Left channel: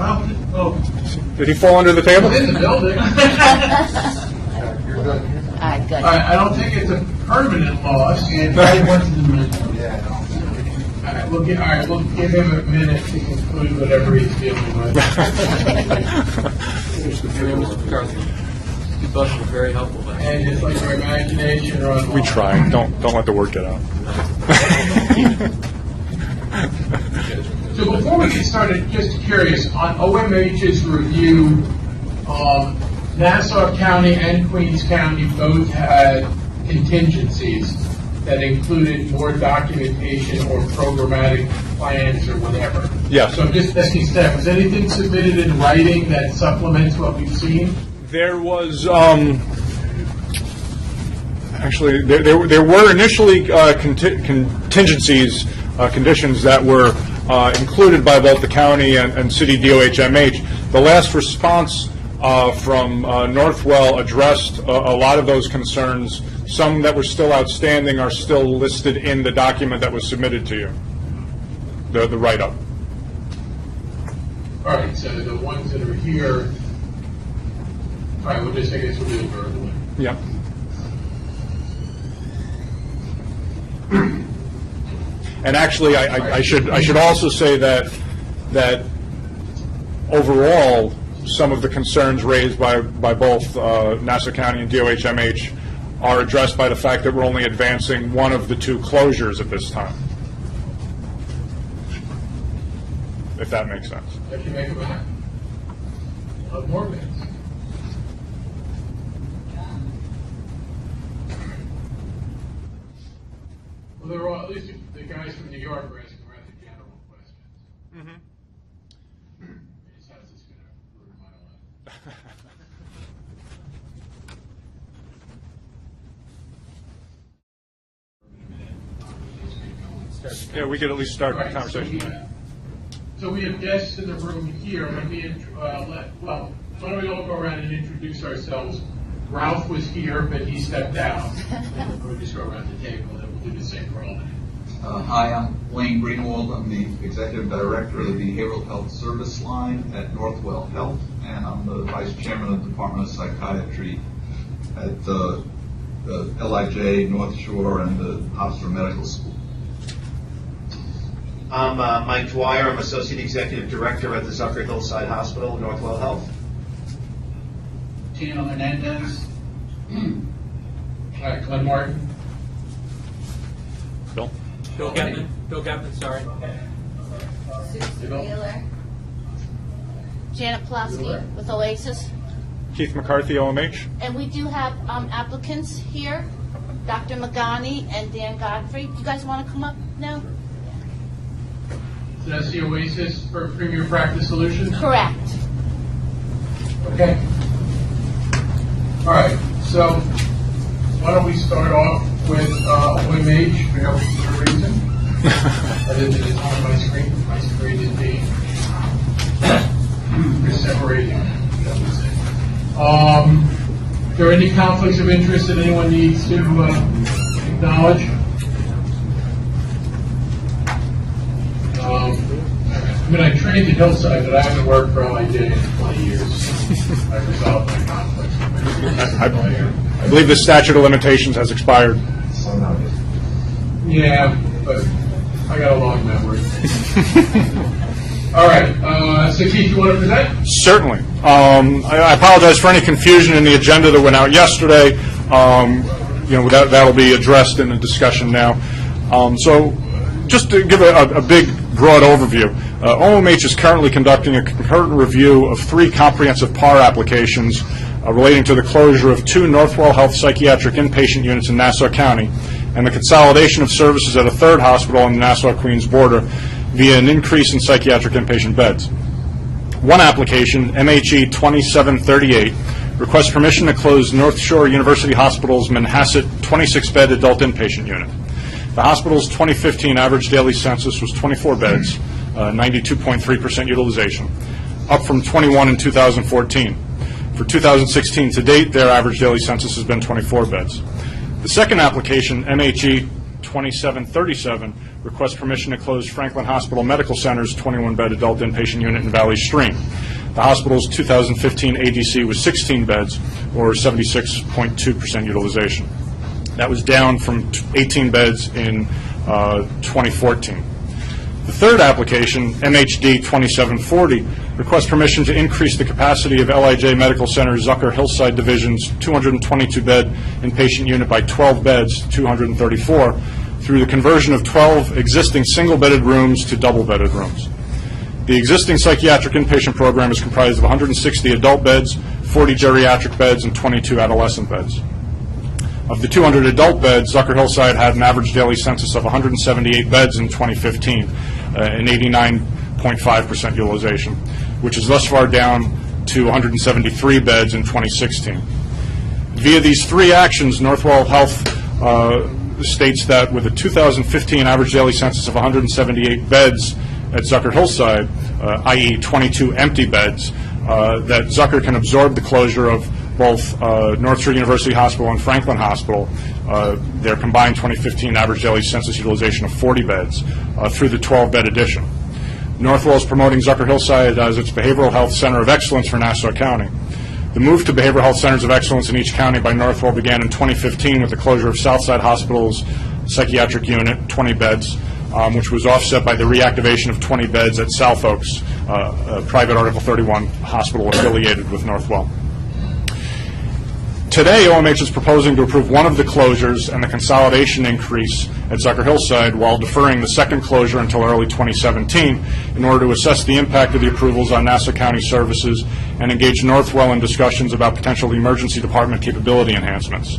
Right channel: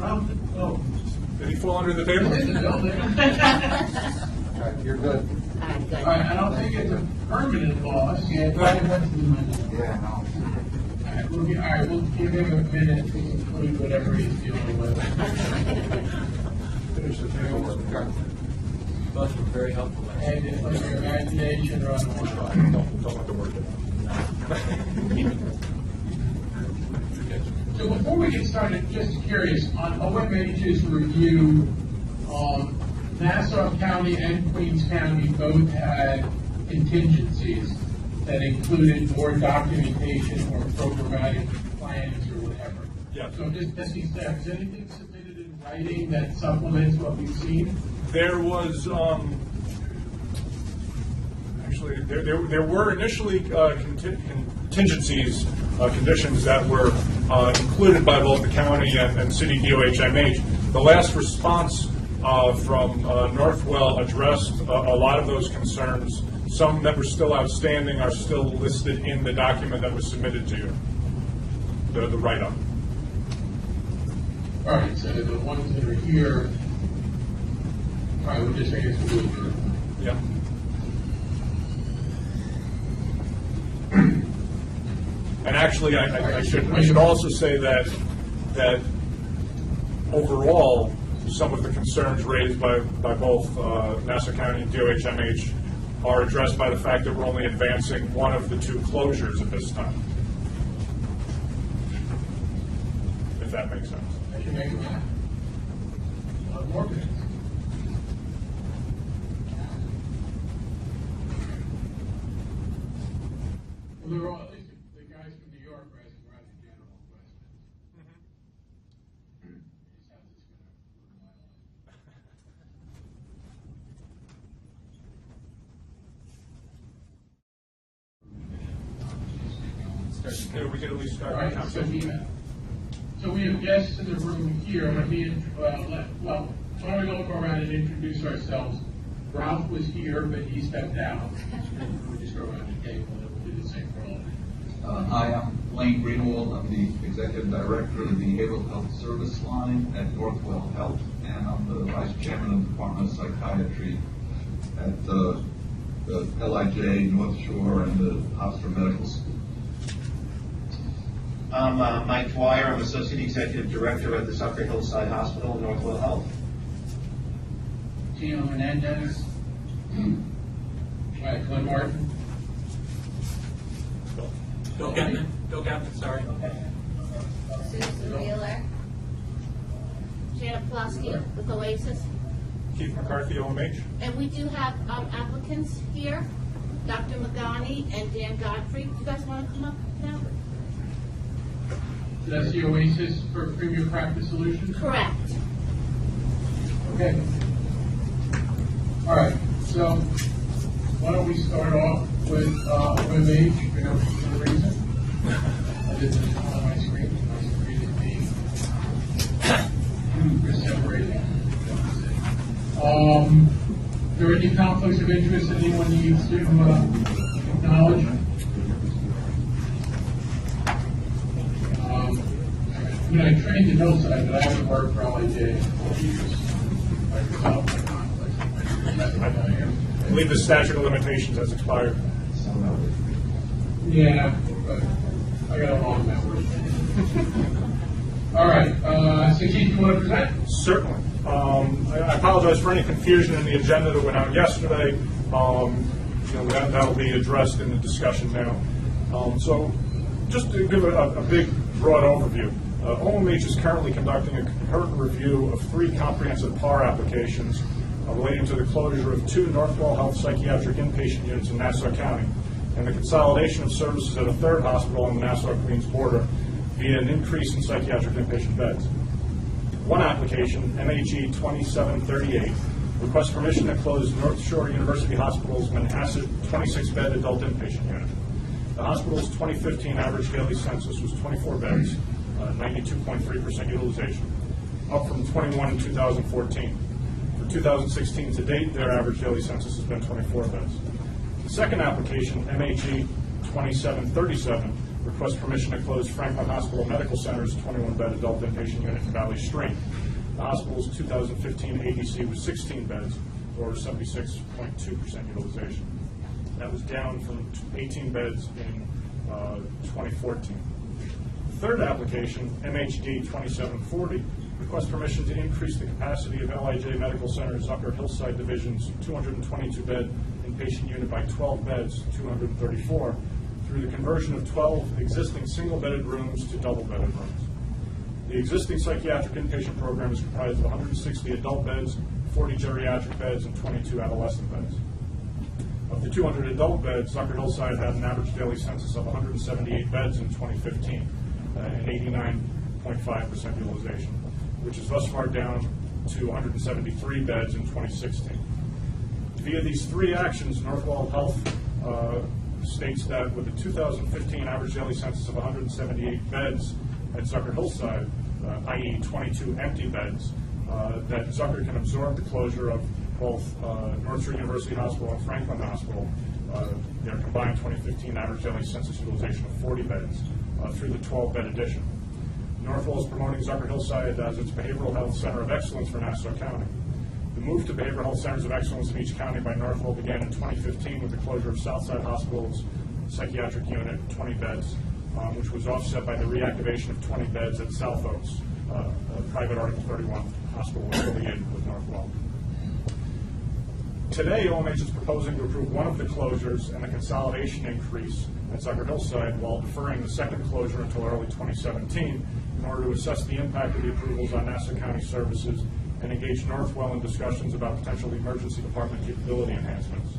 Well, Did he fall under the table? within the building. You're good. All right, good. I don't think it's a permanent loss. Yeah, probably went to the minute. Yeah, no. We'll give him a minute to conclude whatever he's dealing with. You both were very helpful. And just like our imagination run. We try. Don't let the word get out. So before we get started, just curious, on OMH's review, Nassau County and Queens County both had contingencies that included more documentation or programmatic plans or whatever. Yes. So I'm just asking staff, was anything submitted in writing that supplements what we've seen? There was actually there were initially contingencies, conditions that were included by both the county and city DOH-MH. The last response from Northwell addressed a lot of those concerns. Some that were still outstanding are still listed in the document that was submitted to you, the write-up. All right, so the ones that are here, all right, I guess we'll do it verbally. Yep. And actually, I should also say that overall, some of the concerns raised by both Nassau County and DOH-MH are addressed by the fact that we're only advancing one of the two closures at this time, if that makes sense. I can make a minute. More minutes. Well, they're all, at least the guys from New York are asking rather general questions. His house is going to ruin my life. Yeah, we could at least start the conversation. So we have guests in the room here. Why don't we all go around and introduce ourselves? Ralph was here, but he stepped down. We'll just go around the table and then we'll do the same for all of you. Hi, I'm Wayne Greenwald. I'm the Executive Director of the Behavioral Health Service Line at Northwell Health, and I'm the Vice Chairman of the Department of Psychiatry at the LIJ, North Shore, and the Hofstra Medical School. I'm Mike Dwyer. I'm Associate Executive Director at the Zucker Hillside Hospital, Northwell Health. Gino Hernandez. All right, Glenn Martin. Bill? Bill Gepman, sorry. Susan Wheeler. Janet Pulaski with Oasis. Keith McCarthy, OMH. And we do have applicants here, Dr. Magani and Dan Godfrey. Do you guys want to come up now? So that's the Oasis for Premier Practice Solutions? Correct. Okay. All right, so why don't we start off with OMH for no particular reason? Other than it's on my screen is being just separating. Are there any conflicts of interest that anyone needs to acknowledge? I trained at Hillside, but I haven't worked for LIJ in 20 years. I resolved my conflicts. I believe the statute of limitations has expired. Yeah, but I got a long memory. All right, so Keith, you want to present? Certainly. I apologize for any confusion in the agenda that went out yesterday. That'll be addressed in the discussion now. So just to give a big, broad overview, OMH is currently conducting a concurrent review of 3 comprehensive PAR applications relating to the closure of 2 Northwell Health psychiatric inpatient units in Nassau County and the consolidation of services at a 3rd hospital on the Nassau-Queens border via an increase in psychiatric inpatient beds. One application, MHE 2738, requests permission to close North Shore University Hospital's Manhasset 26-bed adult inpatient unit. The hospital's 2015 average daily census was 24 beds, 92.3% utilization, up from 21 in 2014. For 2016 to date, their average daily census has been 24 beds. The second application, MHE 2737, requests permission to close Franklin Hospital Medical Center's 21-bed adult inpatient unit in Valley Stream. The hospital's 2015 ADC was 16 beds, or 76.2% utilization. That was down from 18 beds in 2014. The third application, MHD 2740, requests permission to increase the capacity of LIJ Medical Center Zucker Hillside Division's 222-bed inpatient unit by 12 beds to 234 through the conversion of 12 existing single-bedded rooms to double-bedded rooms. The existing psychiatric inpatient program is comprised of 160 adult beds, 40 geriatric beds, and 22 adolescent beds. Of the 200 adult beds, Zucker Hillside had an average daily census of 178 beds in 2015, an 89.5% utilization, which is thus far down to 173 beds in 2016. Via these three actions, Northwell Health states that with a 2015 average daily census of 178 beds at Zucker Hillside, i.e. 22 empty beds, that Zucker can absorb the closure of both North Shore University Hospital and Franklin Hospital, their combined 2015 average daily census utilization of 40 beds, through the 12-bed addition. Northwell is promoting Zucker Hillside as its behavioral health center of excellence for Nassau County. The move to behavioral health centers of excellence in each county by Northwell began in 2015 with the closure of Southside Hospital's psychiatric unit, 20 beds, which was offset by the reactivation of 20 beds at South Oaks, a private Article 31 hospital affiliated with Northwell. Today, OMH is proposing to approve one of the closures and the consolidation increase at Zucker Hillside while deferring the second closure until early 2017 in order to assess the impact of the approvals on Nassau County services and engage Northwell in discussions about potential emergency department capability enhancements.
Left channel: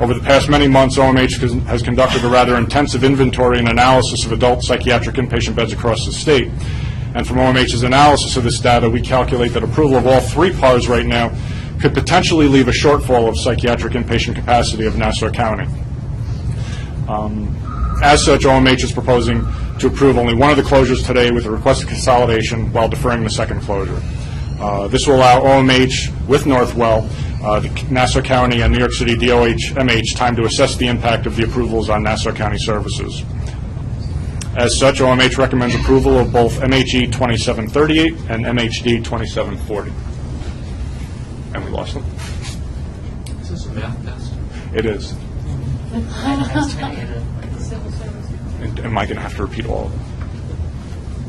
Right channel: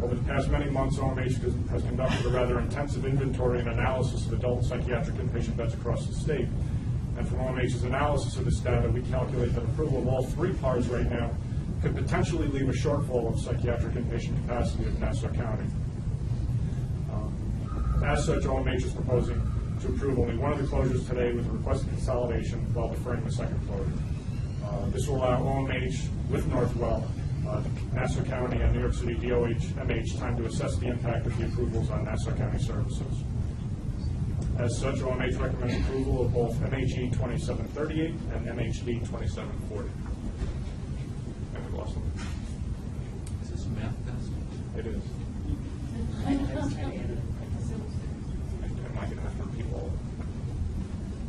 Over the past many months, OMH has conducted a rather intensive inventory and analysis of adult psychiatric inpatient beds across the state. And from OMH's analysis of this data, we calculate that approval of all three PARs right now could potentially leave a shortfall of psychiatric inpatient capacity of Nassau County. As such, OMH is proposing to approve only one of the closures today with a request of consolidation while deferring the second closure. This will allow OMH with Northwell, the Nassau County and New York City DOH-MH time to assess the impact of the approvals on Nassau County services. As such, OMH recommends approval of both MHE 2738 and MHD 2740. And we lost them. Is this a math test? It is. And am I going to have to repeat all of them?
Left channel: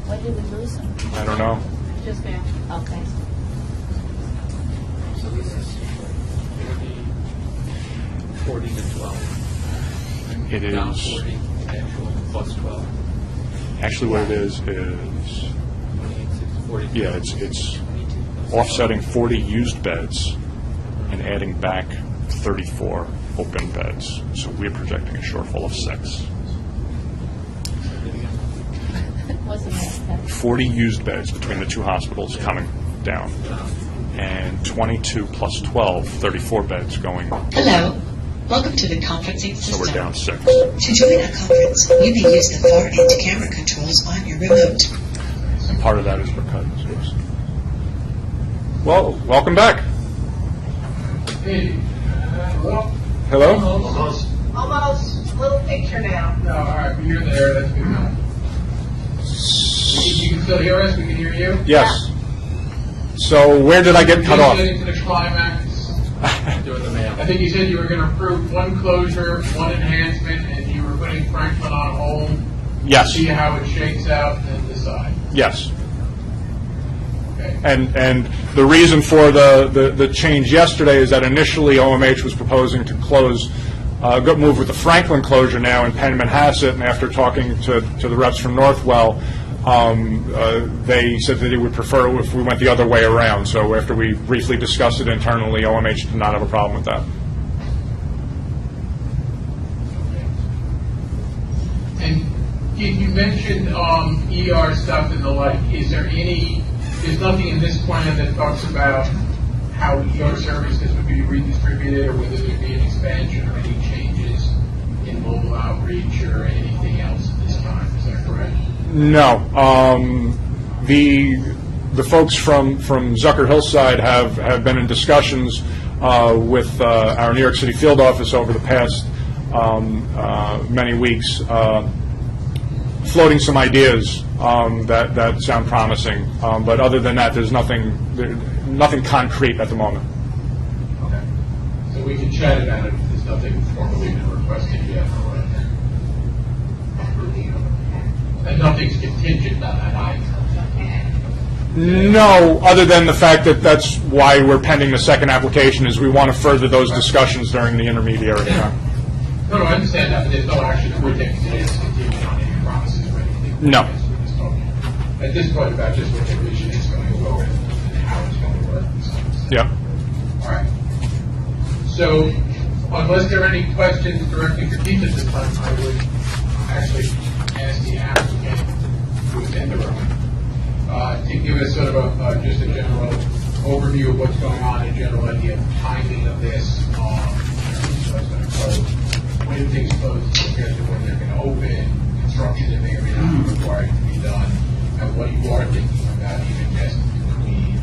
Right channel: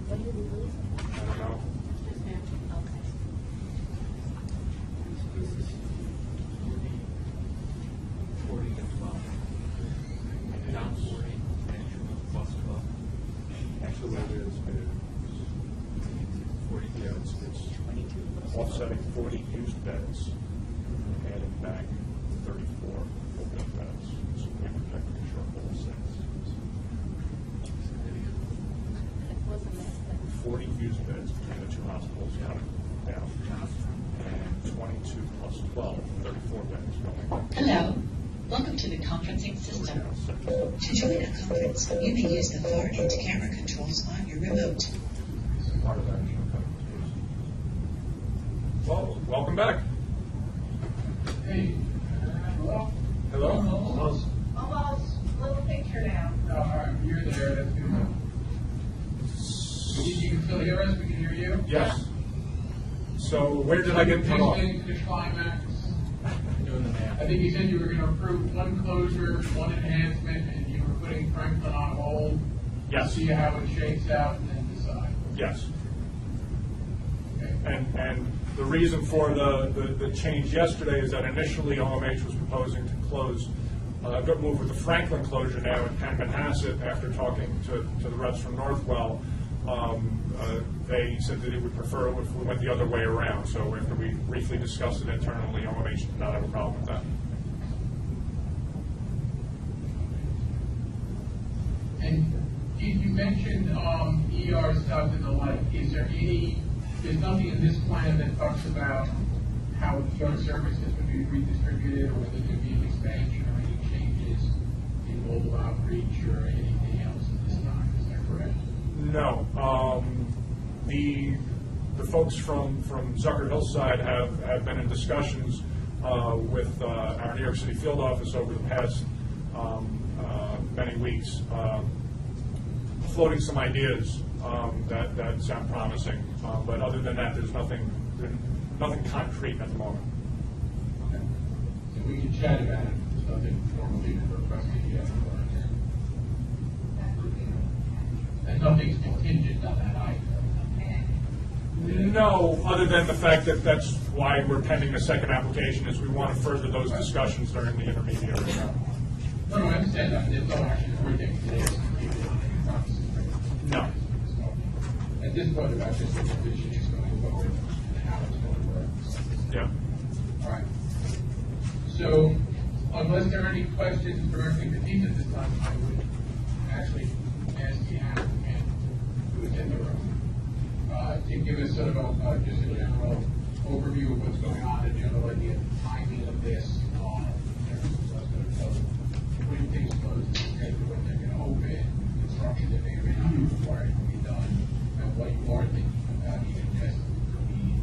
When did we lose them? I don't know. Just now. Okay. So this is 40 to 12. It Down is. 40, actual, plus 12. Actually, what it is 40. yeah, it's offsetting 40 used beds and adding back 34 open beds. So we're projecting a shortfall of 6. Wasn't that? 40 used beds between the two hospitals coming down, and 22 plus 12, 34 beds going. Hello. Welcome to the conferencing So system. we're down 6. To join our conference, you may use the far-end camera controls on your remote. And part of that is because. Well, welcome back. Hey, well, Hello? Almost. Almost, little picture now. no, all right, you're there, that's good enough. You can still hear us, we can hear you? Yes. So where did I get cut off? Getting to the climax. Doing the math. I think you said you were going to approve one closure, one enhancement, and you were putting Franklin on hold. Yes. See how it shakes out and then decide. Yes. Okay. And the reason for the change yesterday is that initially OMH was proposing to close, move with the Franklin closure now in Penn Manhasset, and after talking to the reps from Northwell, they said that they would prefer if we went the other way around. So after we briefly discussed it internally, OMH did not have a problem with that. And Keith, you mentioned ER stuff and the like. Is there there's nothing in this plan that talks about how ER services would be redistributed or whether there'd be an expansion or any changes in mobile outreach or anything else at this time, is that correct? No. The folks from Zucker Hillside have been in discussions with our New York City field office over the past many weeks. floating some ideas that sound promising. But other than that, there's nothing concrete at the moment. Okay. So we can chat about it. There's nothing formally been requested yet. And nothing's contingent on that either. No, other than the fact that that's why we're pending the second application, is we want to further those discussions during the intermediary time. No, I understand that, but there's no action that we're taking today that's contingent on any promises or anything. No. We're just talking at this point about just what the vision is going to go and how it's going to work. Yep. All right. So, unless there are any questions directly for Keith at this time, I would actually ask the applicant who is in the room to give us sort of just a general overview of what's going on, a general idea of timing of this, what's going to close, when things close compared to when they're going to open, construction that may or may not be required to be done, and what you are thinking about even just between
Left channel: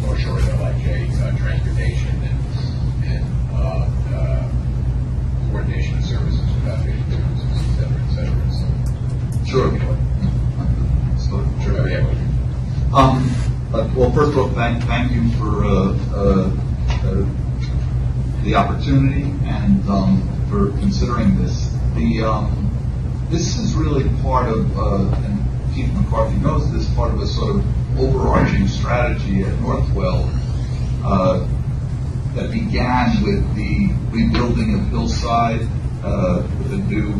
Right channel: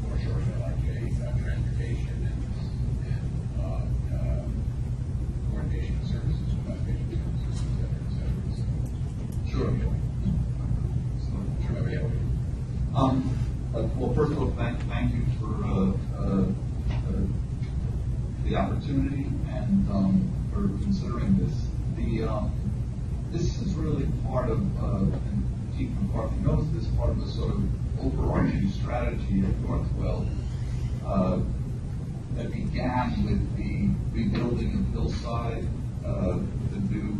North Shore and LIJ transportation and coordination of services with outpatient services, et cetera, et cetera. So, Sure. Sure. Yeah. Well, first of all, thank you for the opportunity and for considering this. This is really part of, and Keith McCarthy knows this, part of a sort of overarching strategy at Northwell that began with the rebuilding of Hillside with a new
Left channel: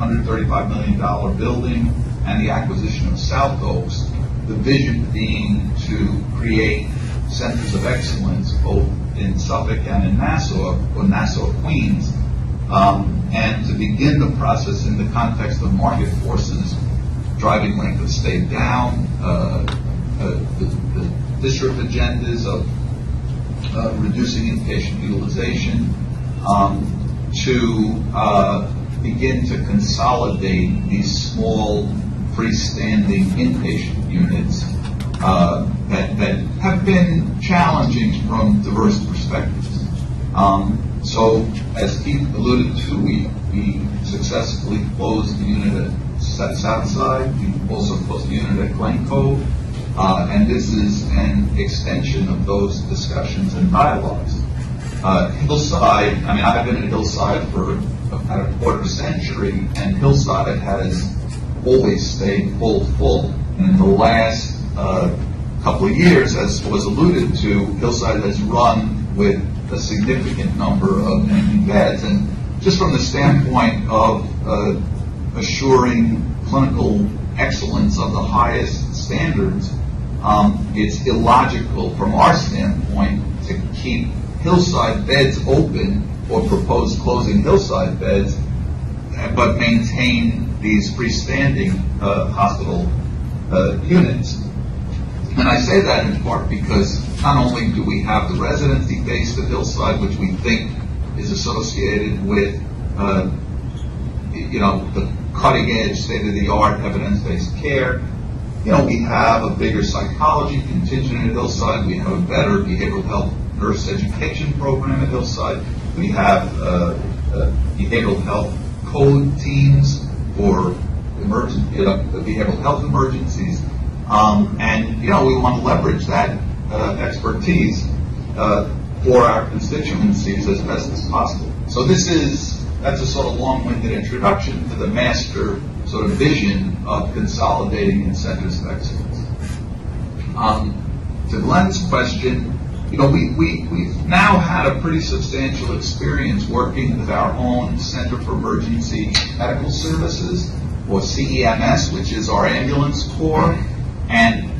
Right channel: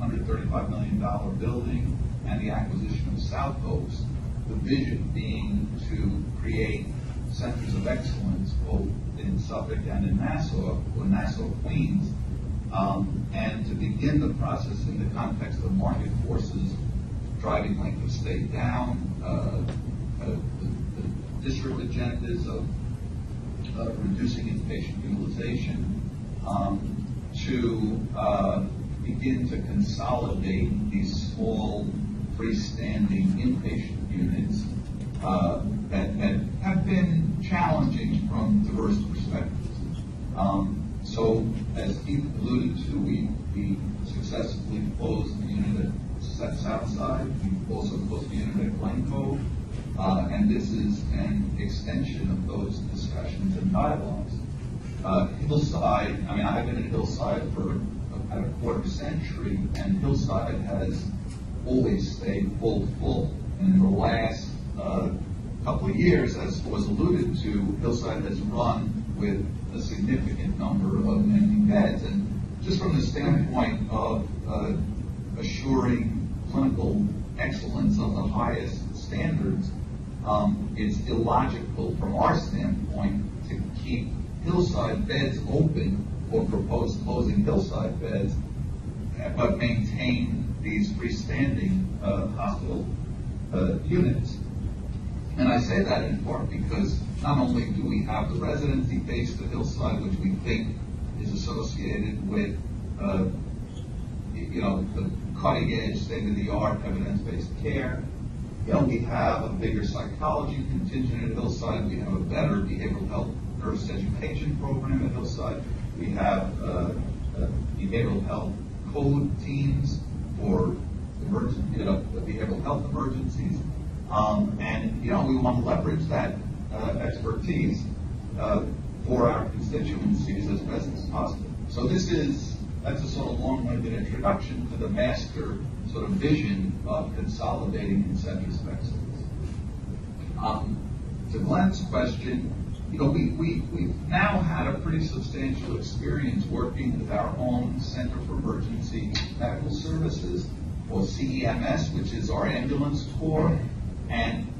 $135 million building and the acquisition of South Oaks. The vision being to create centers of excellence both in Suffolk and in Nassau, or Nassau, Queens, and to begin the process in the context of market forces driving length of stay down, the district agendas of reducing inpatient utilization, to begin to consolidate these small freestanding inpatient units that have been challenging from diverse perspectives. So, as Keith alluded to, we successfully closed the unit at Southside. We also closed the unit at Glen Cove. And this is an extension of those discussions and dialogues. Hillside, I mean, I've been at Hillside for about a quarter century, and Hillside has always stayed full. And in the last couple of years, as was alluded to, Hillside has run with a significant number of empty beds. And just from the standpoint of assuring clinical excellence of the highest standards, it's illogical from our standpoint to keep Hillside beds open or propose closing Hillside beds, but maintain these freestanding hospital units. And I say that in part because not only do we have the residency base at Hillside, which we think is associated with, the cutting-edge, state-of-the-art, evidence-based care. We have a bigger psychology contingent at Hillside. We have a better behavioral health nurse education program at Hillside. We have behavioral health code teams for behavioral health emergencies. And we want to leverage that expertise for our constituencies as best as possible. So that's a sort of long-winded introduction to the master sort of vision of consolidating in centers of excellence. To Glenn's question, we've now had a pretty substantial experience working with our own Center for Emergency Medical Services, or CEMS, which is our ambulance corps, and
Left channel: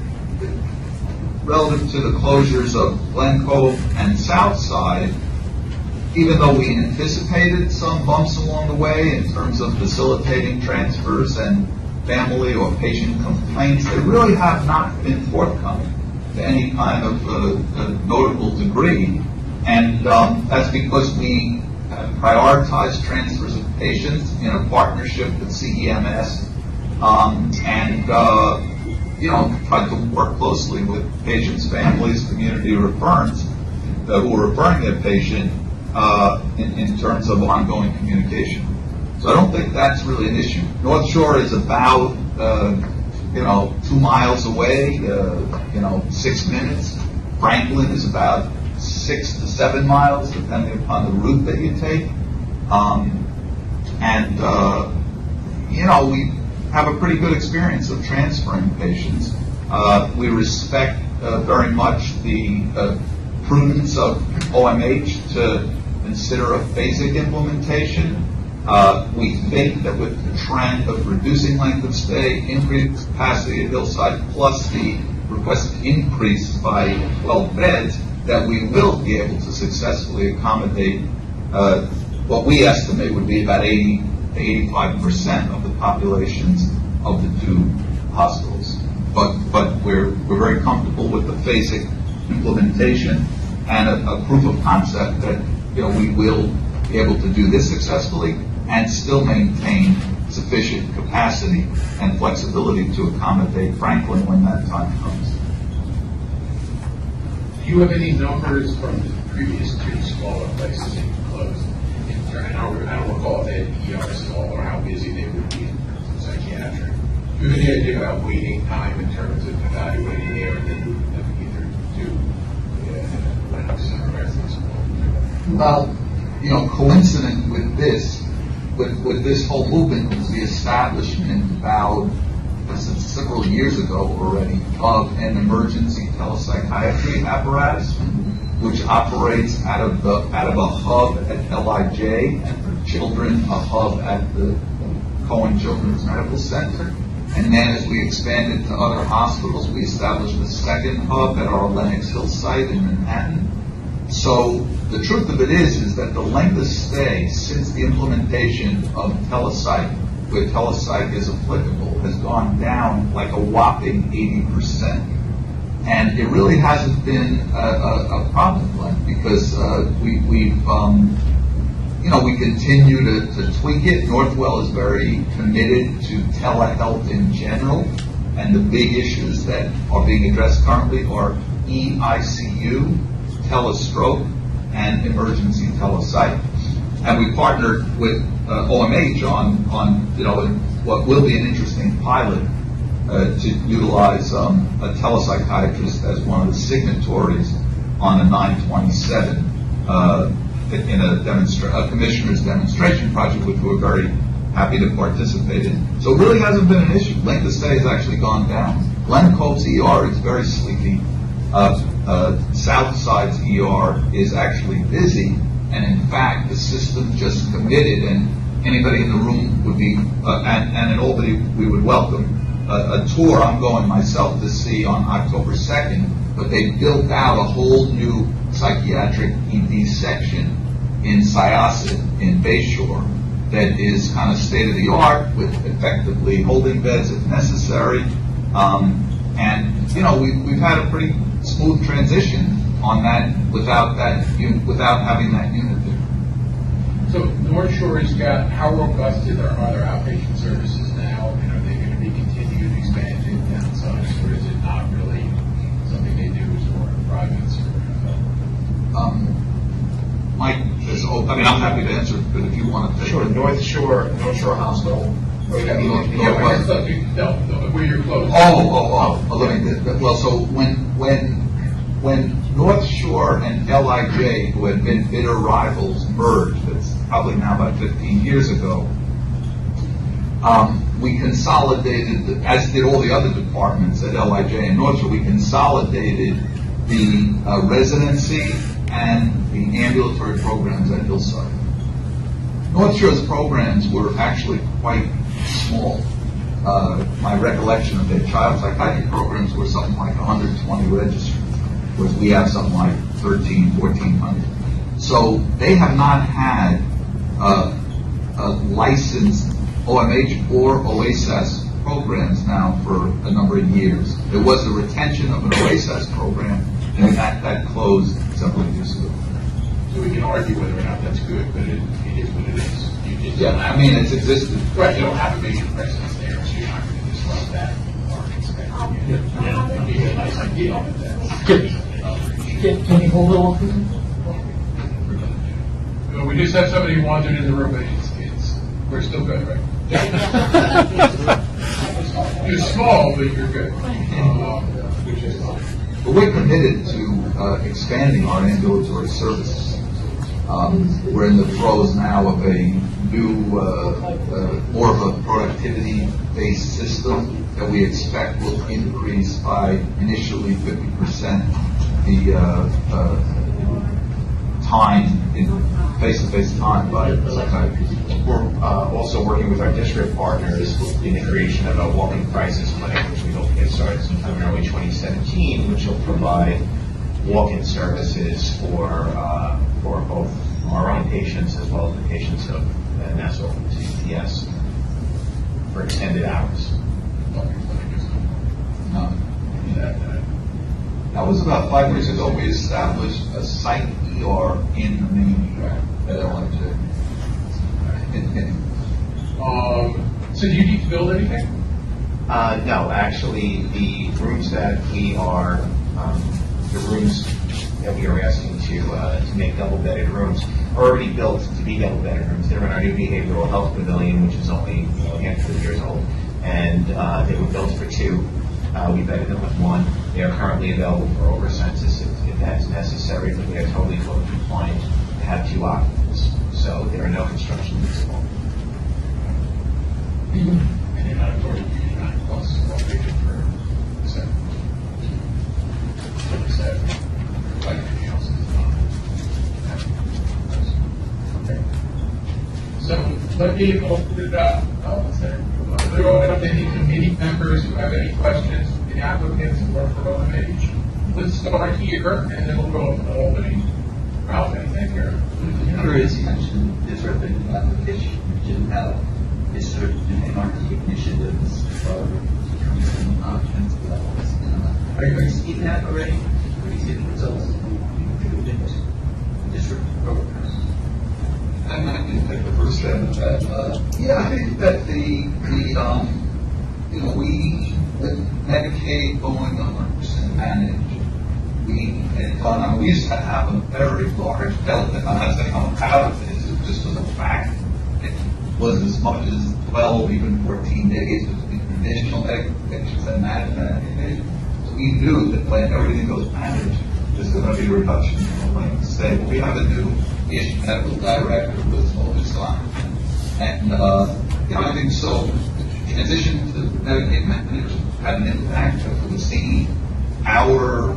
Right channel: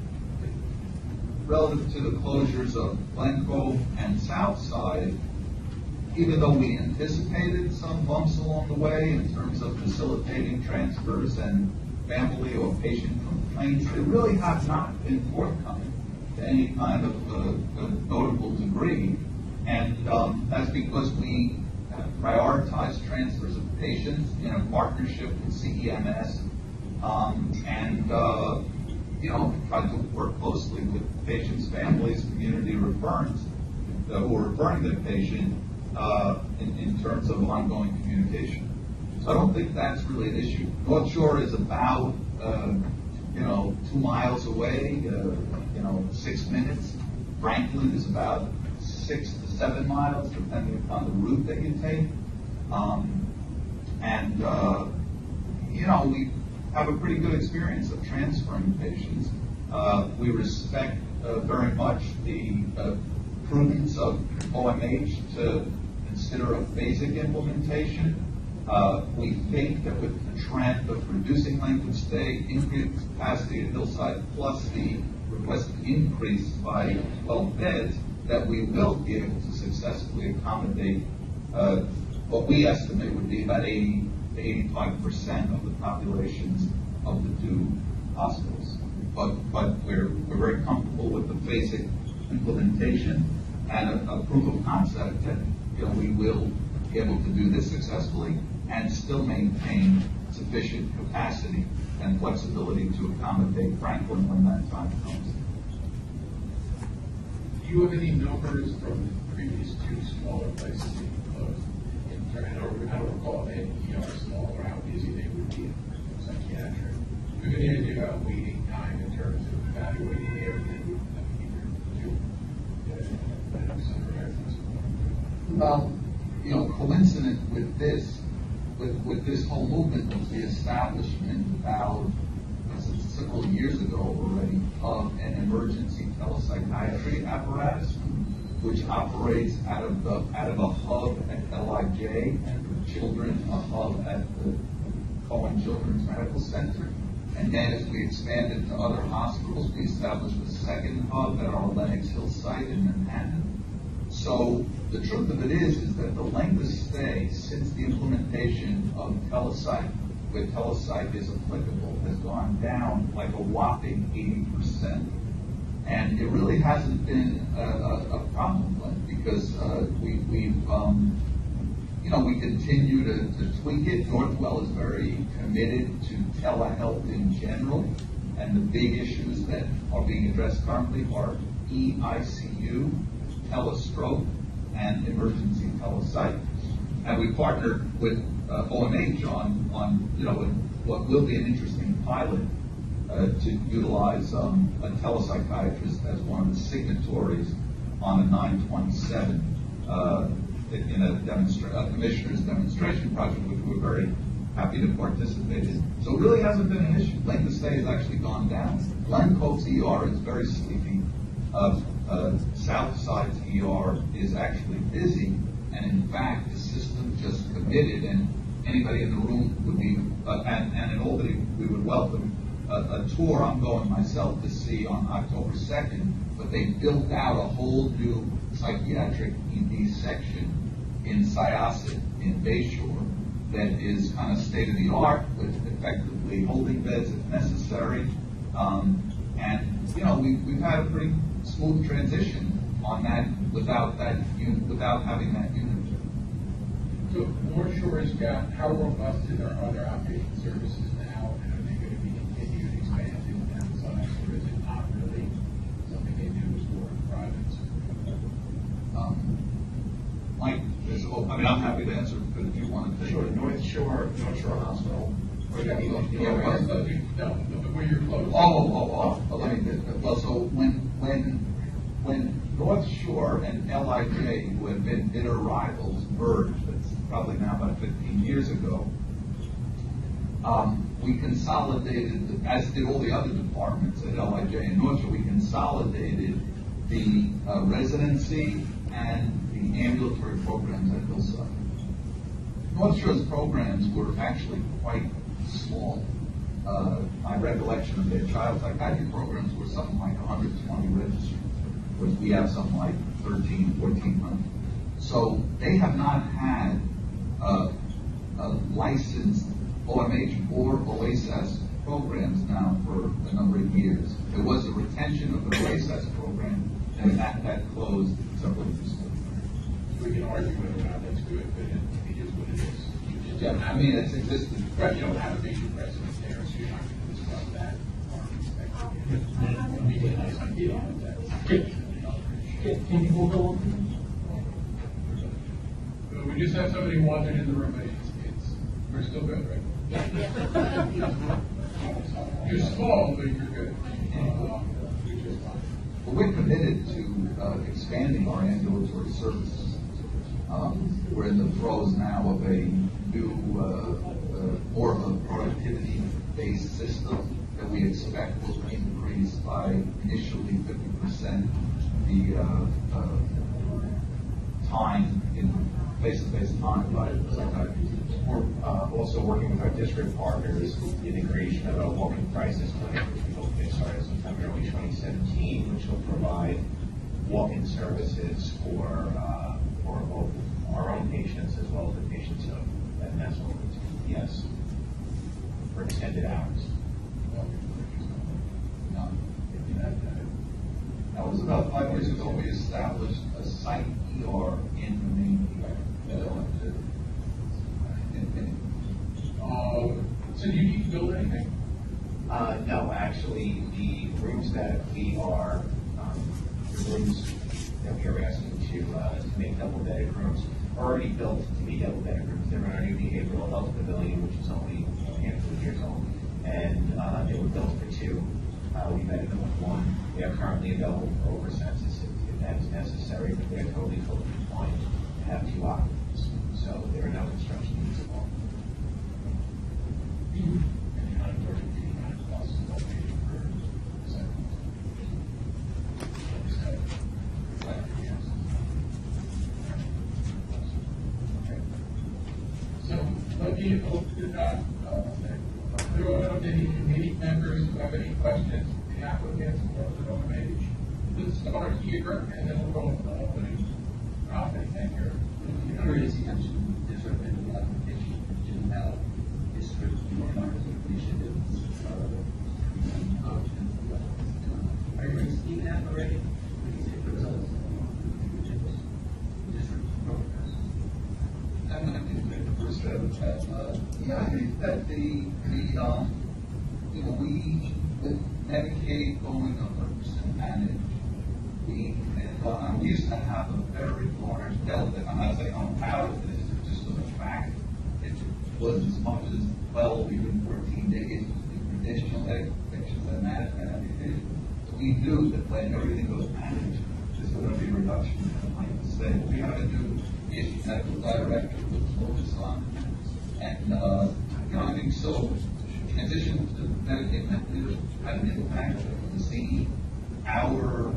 relative to the closures of Glen Cove and Southside, even though we anticipated some bumps along the way in terms of facilitating transfers and family or patient complaints, they really have not been forthcoming to any kind of a notable degree. And that's because we have prioritized transfers of patients in a partnership with CEMS and tried to work closely with patients' families, community referrers who are referring their patient in terms of ongoing communication. So I don't think that's really an issue. North Shore is about, 2 miles away, 6 minutes. Franklin is about 6 to 7 miles, depending upon the route that you take. We have a pretty good experience of transferring patients. We respect very much the prudence of OMH to consider a phasic implementation. We think that with the trend of reducing length of stay, increased capacity at Hillside, plus the requested increase by 12 beds, that we will be able to successfully accommodate what we estimate would be about 80 to 85% of the populations of the two hospitals. But we're very comfortable with the phasic implementation and a proof of concept that we will be able to do this successfully and still maintain sufficient capacity and flexibility to accommodate Franklin when that time comes. Do you have any numbers from the previous two smaller places that you closed? I don't recall if they had ERs at all or how busy they would be in psychiatric. Do you have any idea about waiting time in terms of evaluating there and then moving them either to Lennox or Erasmus? Well, coincident with this, with this whole movement was the establishment about several years ago already of an emergency telepsychiatry apparatus, which operates out of a hub at LIJ, and for children, a hub at the Cohen Children's Medical Center. And then as we expanded to other hospitals, we established a second hub at our Lenox Hill site in Manhattan. So the truth of it is that the length of stay since the implementation of telepsych, where telepsych is applicable, has gone down like a whopping 80%. And it really hasn't been a problem, Glenn, because we continue to tweak it. Northwell is very committed to telehealth in general, and the big issues that are being addressed currently are EICU, telestroke, and emergency telepsych. And we partnered with OMH on what will be an interesting pilot to utilize a telepsychiatrist as one of the signatories on a 927 in a commissioner's demonstration project, which we're very happy to participate in. So it really hasn't been an issue. Length of stay has actually gone down. Glen Cove's ER is very sleepy. Southside's ER is actually busy, and in fact, the system just committed, and anybody in the room would be, and in Albany, we would welcome a tour I'm going myself to see on October 2nd, but they built out a whole new psychiatric ED section in Syosset in Bayshore that is kind of state-of-the-art with effectively holding beds if necessary. We've had a pretty smooth transition on that without having that unit there. So North Shore has got, how robust are their outpatient services now, and are they going to be continued expansion downside, or is it not really something they do as more private or? Mike, I'm happy to answer, but if you want to take Sure, it. North Shore Hospital. Where you're close. Well, so when North Shore and LIJ, who had been bitter rivals, merged, that's probably now about 15 years ago, we consolidated, as did all the other departments at LIJ and North Shore, we consolidated the residency and the ambulatory programs at Hillside. North Shore's programs were actually quite small. My recollection of their child psychiatry programs were something like 120 registered, whereas we have something like 1,400. So they have not had a licensed OMH or OASAS programs now for a number of years. There was a retention of an OASAS program, and that closed several years ago. So we can argue whether or not that's good, but it is what it is. You just Yeah, don't have it's existed. Right, you don't have a major presence there, so you're not going to disrupt that or expect it. It'd be a nice idea, but that's. Can you hold it open? We just have somebody who wandered in the room, but it's We're still good, right? You're small, but you're good. But we're committed to expanding our ambulatory services. We're in the throes now of a new, more of a productivity-based system that we expect will increase by initially 50% the time in face-to-face time by psychiatrists. We're also working with our district partners in the creation of a walk-in crisis clinic, which we hope to get started sometime in early 2017, which will provide walk-in services for both our own patients as well as the patients of Nassau CPS for extended hours. That was about 5 years ago. We established a psych ER in the main track at LMJ. So do you need to build anything? No, actually, the rooms that we are asking to make double-bedded rooms are already built to be double-bedded rooms. They're in our new behavioral health pavilion, which is only a handful of years old, and they were built for 2. We bedded them with 1. They are currently available for over census if that's necessary, but they are totally code compliant to have 2 occupants. So there are no construction needs at all. And you're not affording $89 plus one patient per set. Like anything else is not. Okay. So let me open it up. Throw it up to any committee members who have any questions, the applicants or for OMH. Let's start here and then we'll go to Albany. Ralph, anything here? As you mentioned, there's sort of an application which didn't have this sort of anarchic initiatives for increasing occupancy levels. Are you seeing that already? Are you seeing the results? District programs. I'm not going to take the first step of that. Yeah, I think that with Medicaid going 100% managed, we used to have a very large delta. I'm not saying I'm proud of this, it just was a fact. It was as much as 12, even 14 days between traditional medications and management medications. So we knew that when everything goes managed, there's going to be a reduction in length of stay. But we have a new medical director with focused on it. And, I think so. In addition to Medicaid managers had an impact of the scene, our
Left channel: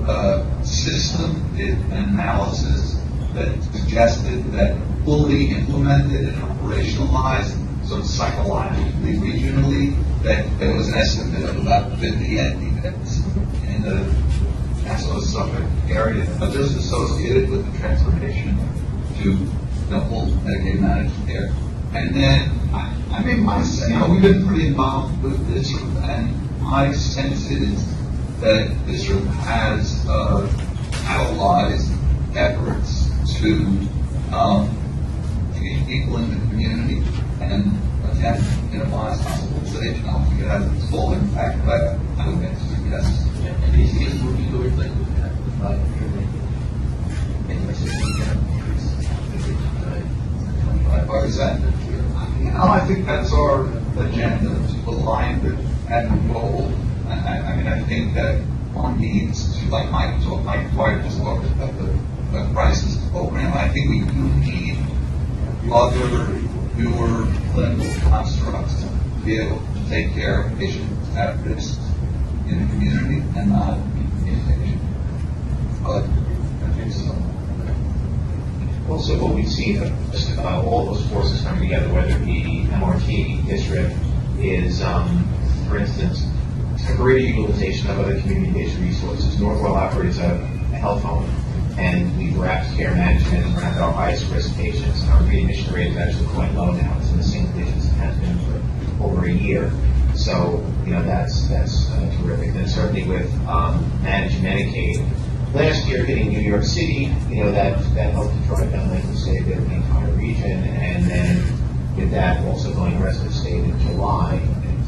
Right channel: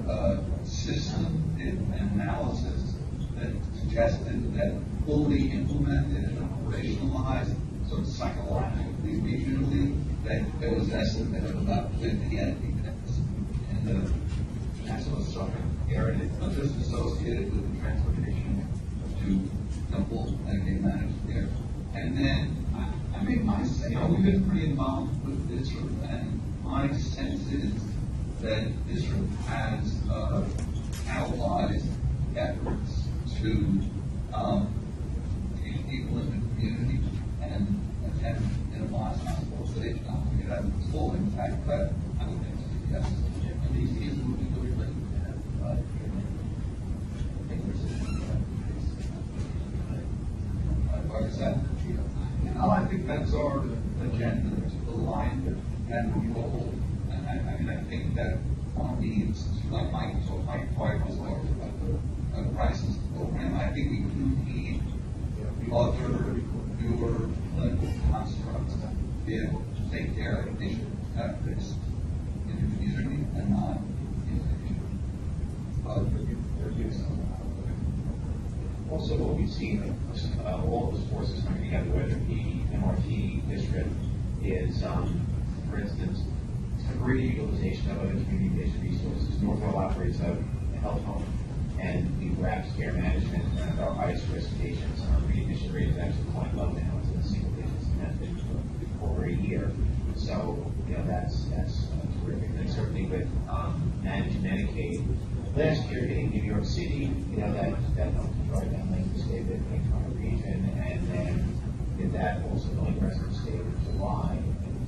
system did an analysis that suggested that fully implemented and operationalized, sort of psychologically, regionally, that there was an estimate of about 50 NP beds in the Nassau Suffolk area, but just associated with the transformation to full Medicaid managed care. And then, we've been pretty involved with this, and my sense is that this has catalyzed efforts to engage people in the community and attempt to minimize hospitalization. I don't think it has its full impact, but I would answer yes. And these things moving towards like that, I think that's our agenda, to align with and goal. I think that one needs to, like Mike White just talked about the crisis program. I think we do need other newer clinical constructs to be able to take care of patients at risk in the community and not inpatient. But I think so. Also, what we've seen, all those forces coming together, whether it be MRT, district, is, for instance, a greater utilization of other communication resources. Northwell operates a health home, and we've wrapped care management around our highest risk patients. Our readmission rate is actually quite low now. It's in the single digits. It has been for over a year. So, that's terrific. And certainly with managed Medicaid, last year hitting New York City, that helped to drive down length of stay there in the entire region, and then with that also going resident state in July,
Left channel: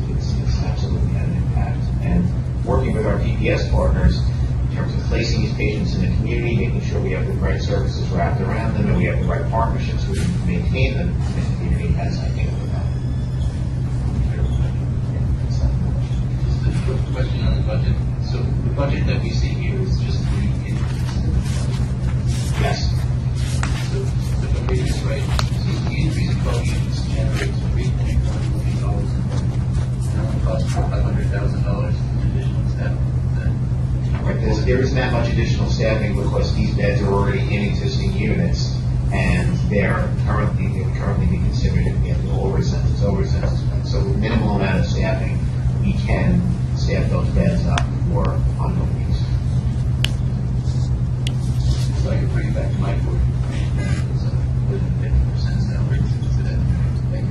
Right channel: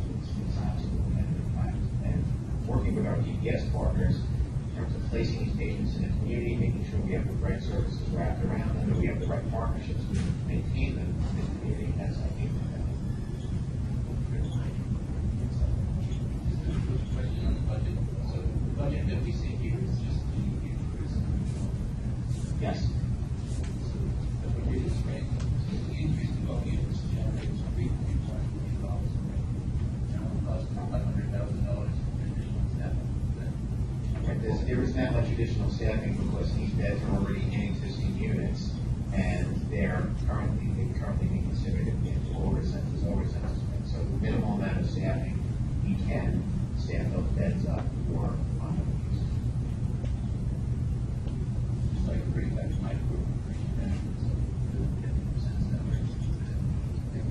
it's absolutely had an impact. And working with our PPS partners in terms of placing these patients in the community, making sure we have the right services wrapped around them, and we have the right partnerships so we can maintain them in the community has, I think, question on the budget. So the budget that we see here is just the increase. Yes. So if I'm reading this right, so the increase in 12 units generates $3.1 million and only costs $500,000 in additional staff. Right, there isn't that much additional staffing because these beds are already in existing units, and they would currently be considered over census beds. So with minimal amount of staffing, we can staff those beds up for ongoing use. So I can bring it back to my board. So within 50% salary today. Thank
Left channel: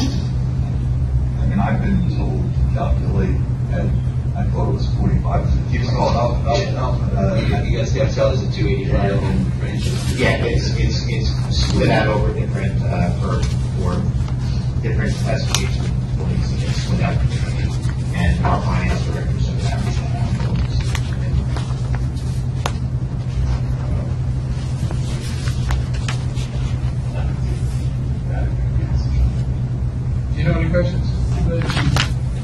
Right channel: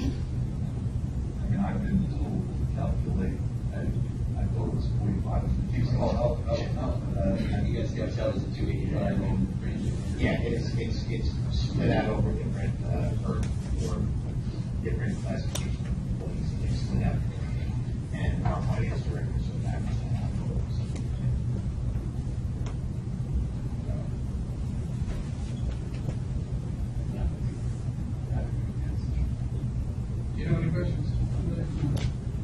you. I mean, I've been told to calculate, and I thought it was 45. You guys have salaries at 285 and ranges. Yeah, it's split out over different, for different classifications of employees, and it's split out differently. And our finance director sort of averages that out. Do you know any questions?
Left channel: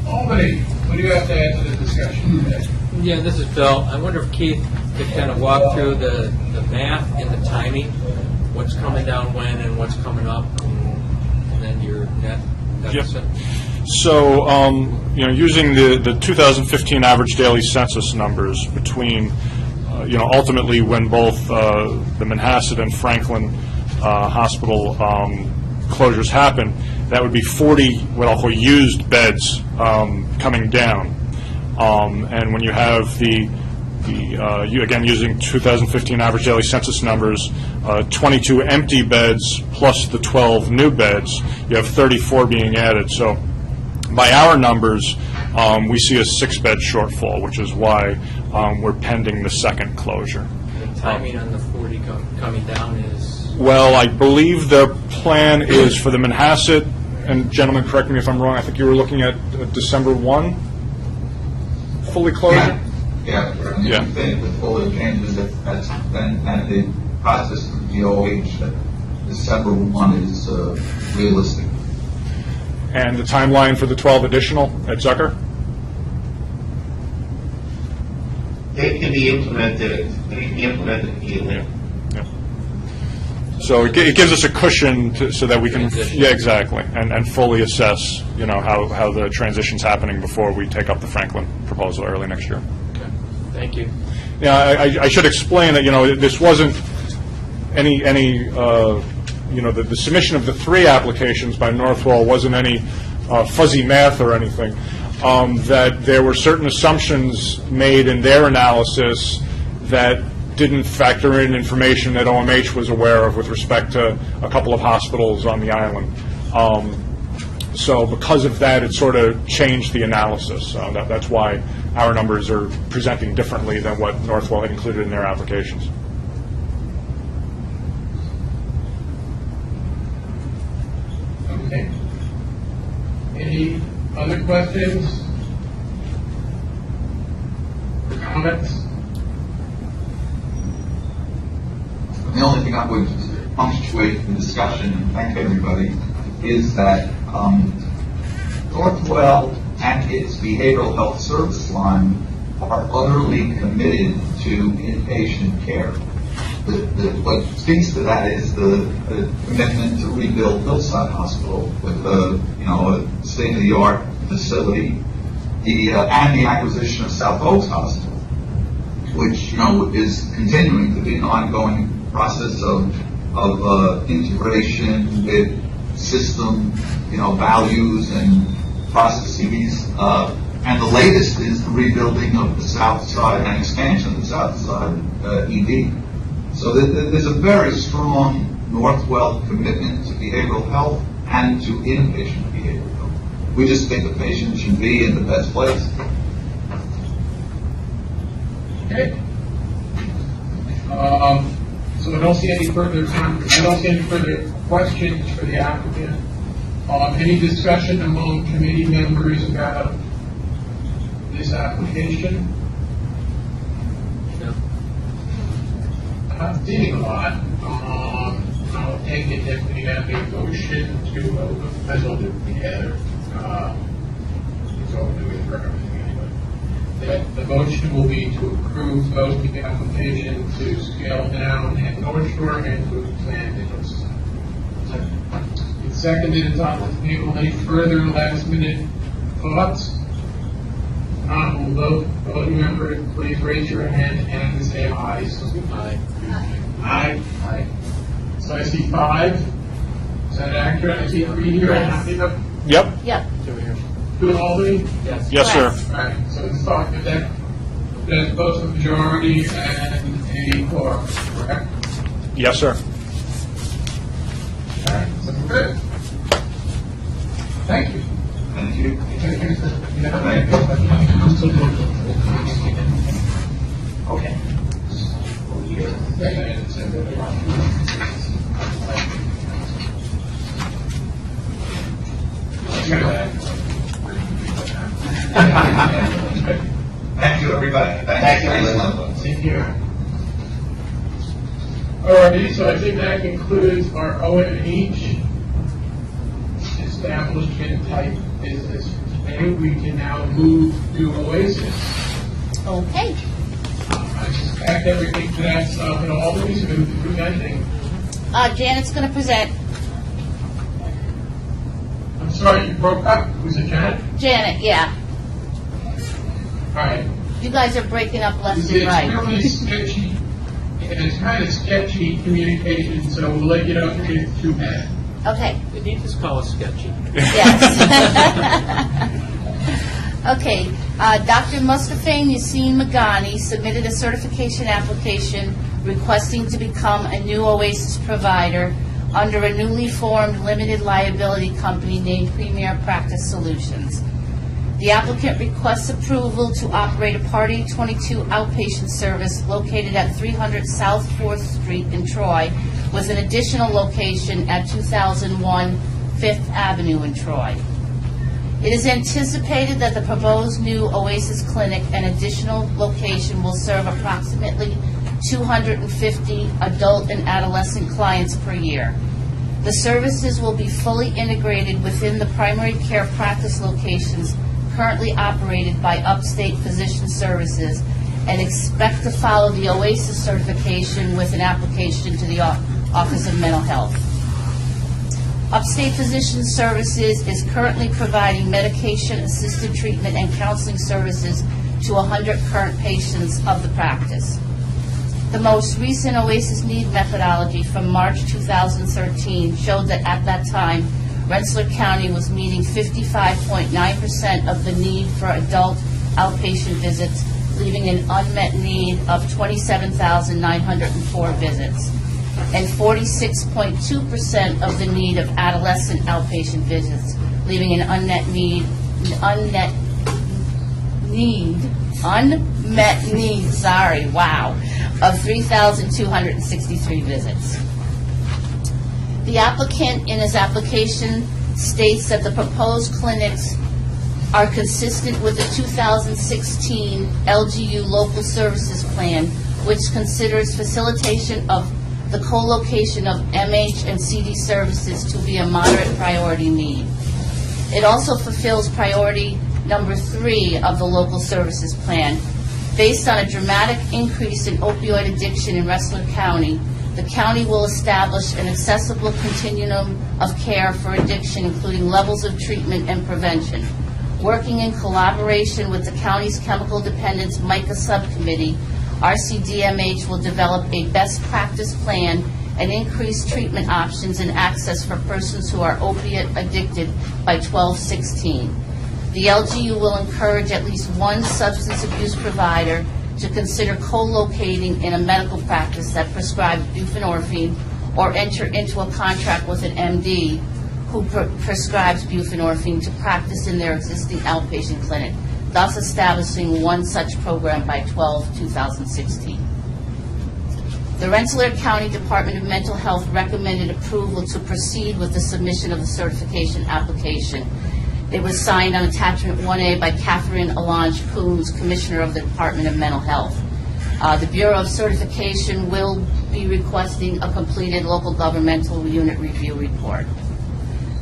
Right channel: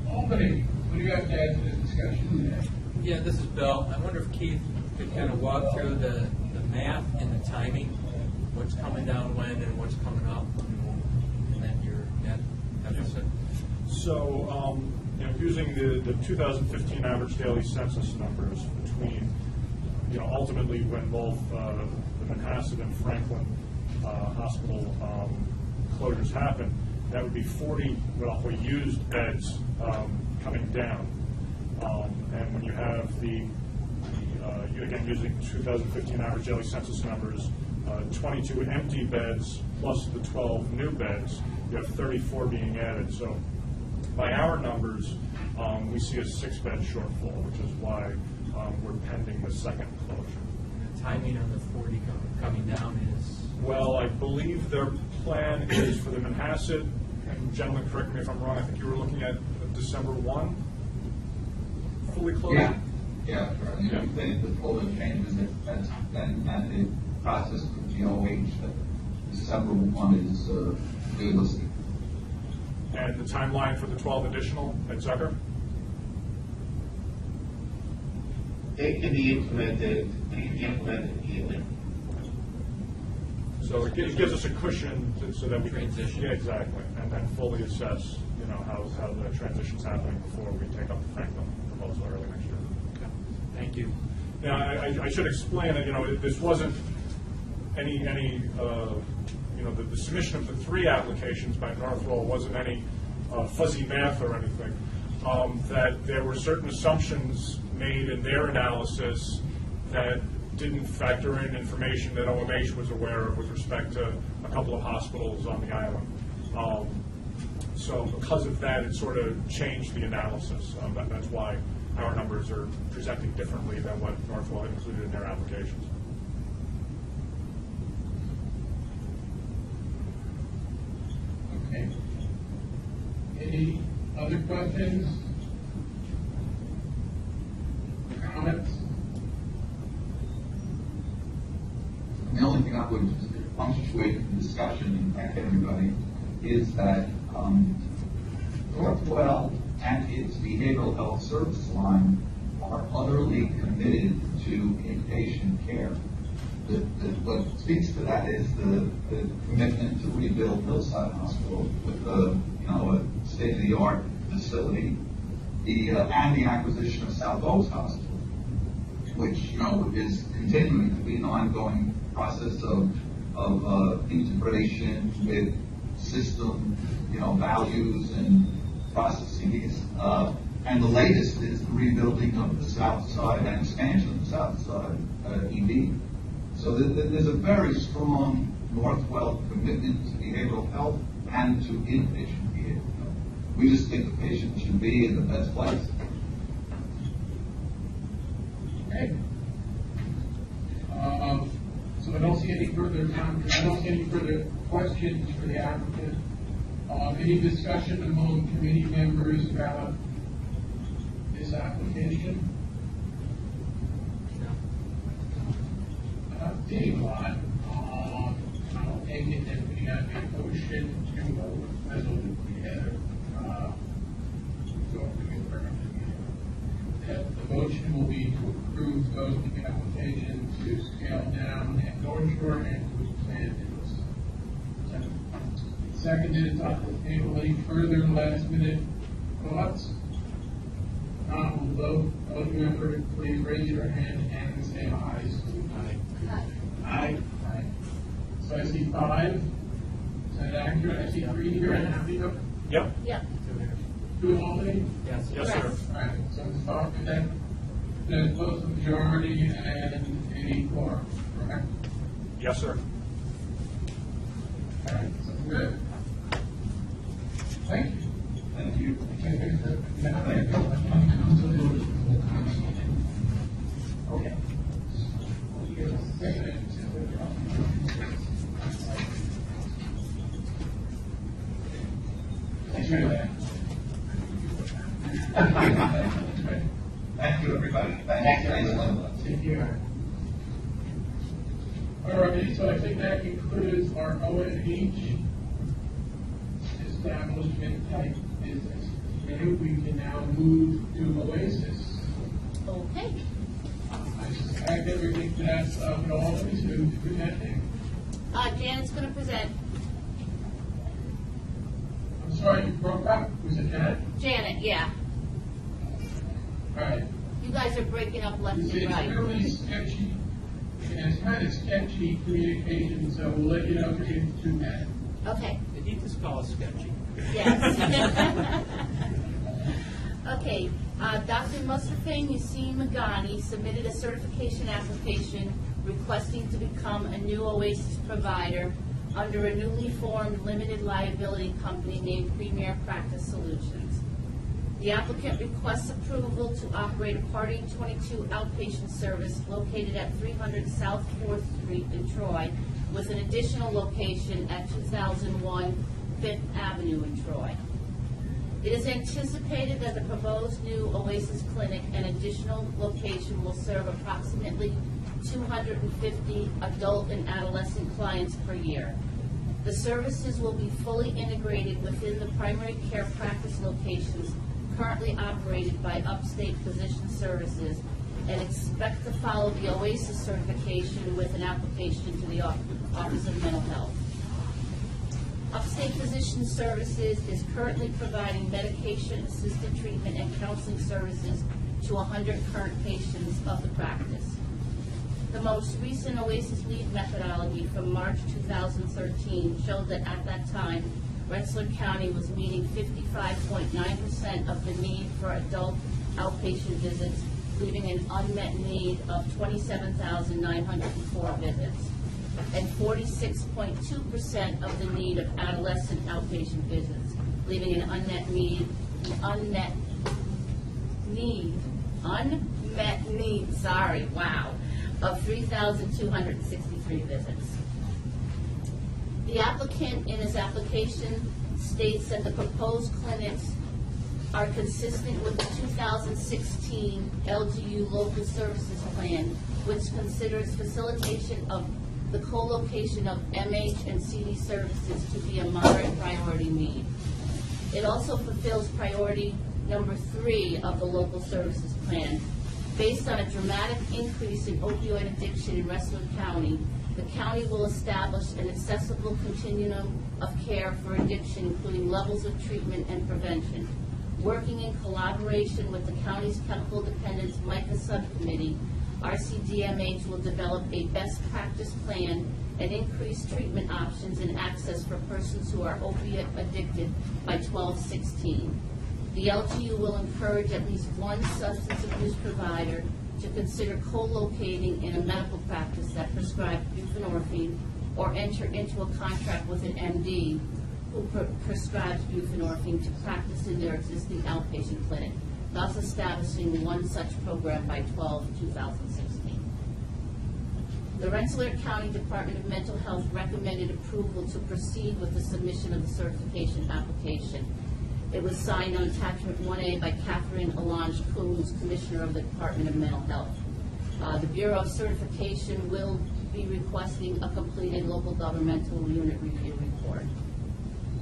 Albany, what do you have to add to the discussion today? Yeah, this is Bill. I wonder if Keith could kind of walk through the math and the timing, what's coming down when and what's coming up, and then your net deficit. So, using the 2015 average daily census numbers between, ultimately when both the Manhasset and Franklin hospital closures happen, that would be 40 what I'll call used beds coming down. And when you have again using 2015 average daily census numbers, 22 empty beds plus the 12 new beds, you have 34 being added. So by our numbers, we see a 6-bed shortfall, which is why we're pending the second closure. The timing on the 40 coming down is? Well, I believe the plan is for the Manhasset, and gentlemen, correct me if I'm wrong, I think you were looking at December 1, fully closure? Yeah, and Yeah. if you think with all the changes that's then, and the process of DOH, that December 1 is realistic. And the timeline for the 12 additional at Zucker? They can be implemented immediately. Yeah. So it gives us a cushion so that we can, Transition. yeah, exactly, and fully assess, how the transition's happening before we take up the Franklin proposal early next year. Okay, thank you. Yeah, I should explain that, this wasn't any the submission of the 3 applications by Northwell wasn't any fuzzy math or anything. That there were certain assumptions made in their analysis that didn't factor in information that OMH was aware of with respect to a couple of hospitals on the island. So because of that, it sort of changed the analysis. That's why our numbers are presenting differently than what Northwell had included in their applications. Okay. Any other questions? Or comments? The only thing I would punctuate the discussion and thank everybody is that Northwell and its behavioral health service line are utterly committed to inpatient care. What speaks to that is the commitment to rebuild Hillside Hospital with a state-of-the-art facility, and the acquisition of South Oaks Hospital, which is continuing to be an ongoing process of integration with system, values and processes. And the latest is the rebuilding of the South Side and expansion of the South Side ED. So there's a very strong Northwell commitment to behavioral health and to inpatient behavioral health. We just think the patient should be in the best place. Okay. So I don't see any further questions for the applicant. Any discussion among committee members about this application? Yeah. I'm seeing a lot. I'll take it that we have a motion to, I don't do it together. It's all doing for everything anyway. The motion will be to approve both the application to scale down at North Shore and to expand at Hillside. It's seconded, it's on the table. Any further last minute thoughts? We'll vote. Voting member, please raise your hand and say aye. Aye. Aye. Aye. So I see 5. Is that accurate? I see 3 here. Yep, Yep. 2 in Albany? Yes. yes, sir. All right, so let's talk about that. That's both a majority and a quorum, correct? Yes, sir. All right, so we're good. Thank you. Thank you. Okay. Thank you, everybody. Thank you. Same here. All righty, so I think that concludes our OMH establishment type business. And we can now move to Oasis. Okay. I suspect everything to that stuff in Albany, so we're presenting. Janet's going to present. I'm sorry, you broke up. Was it Janet? Janet, yeah. All right. You guys are breaking up left It's and right. really sketchy, and it's kind of sketchy communication, so we'll let you know if it's too bad. Okay. They need to call it sketchy. Yes. Okay, Dr. Mustafa Yassine Magani submitted a certification application requesting to become a new OASIS provider under a newly formed limited liability company named Premier Practice Solutions. The applicant requests approval to operate a Party 22 outpatient service located at 300 South 4th Street in Troy, with an additional location at 2001 5th Avenue in Troy. It is anticipated that the proposed new Oasis clinic and additional location will serve approximately 250 adult and adolescent clients per year. The services will be fully integrated within the primary care practice locations currently operated by Upstate Physician Services, and expect to follow the OASIS certification with an application to the Office of Mental Health. Upstate Physician Services is currently providing medication-assisted treatment and counseling services to 100 current patients of the practice. The most recent OASIS need methodology from March 2013 showed that at that time, Rensselaer County was meeting 55.9% of the need for adult outpatient visits, leaving an unmet need of 27,904 visits, and 46.2% of the need of adolescent outpatient visits, leaving an unmet need, of 3,263 visits. The applicant in his application states that the proposed clinics are consistent with the 2016 LGU Local Services Plan, which considers facilitation of the co-location of MH and CD services to be a moderate priority need. It also fulfills priority number 3 of the Local Services Plan. Based on a dramatic increase in opioid addiction in Rensselaer County, the county will establish an accessible continuum of care for addiction, including levels of treatment and prevention. Working in collaboration with the county's Chemical Dependence MICA Subcommittee, RCDMH will develop a best practice plan and increase treatment options and access for persons who are opiate addicted by 12/16. The LGU will encourage at least one substance abuse provider to consider co-locating in a medical practice that prescribes buprenorphine, or enter into a contract with an MD who prescribes buprenorphine to practice in their existing outpatient clinic, thus establishing one such program by 12/2016. The Rensselaer County Department of Mental Health recommended approval to proceed with the submission of the certification application. It was signed on attachment 1A by Catherine Alonge Coons, Commissioner of the Department of Mental Health. The Bureau of Certification will be requesting a completed local governmental unit review report.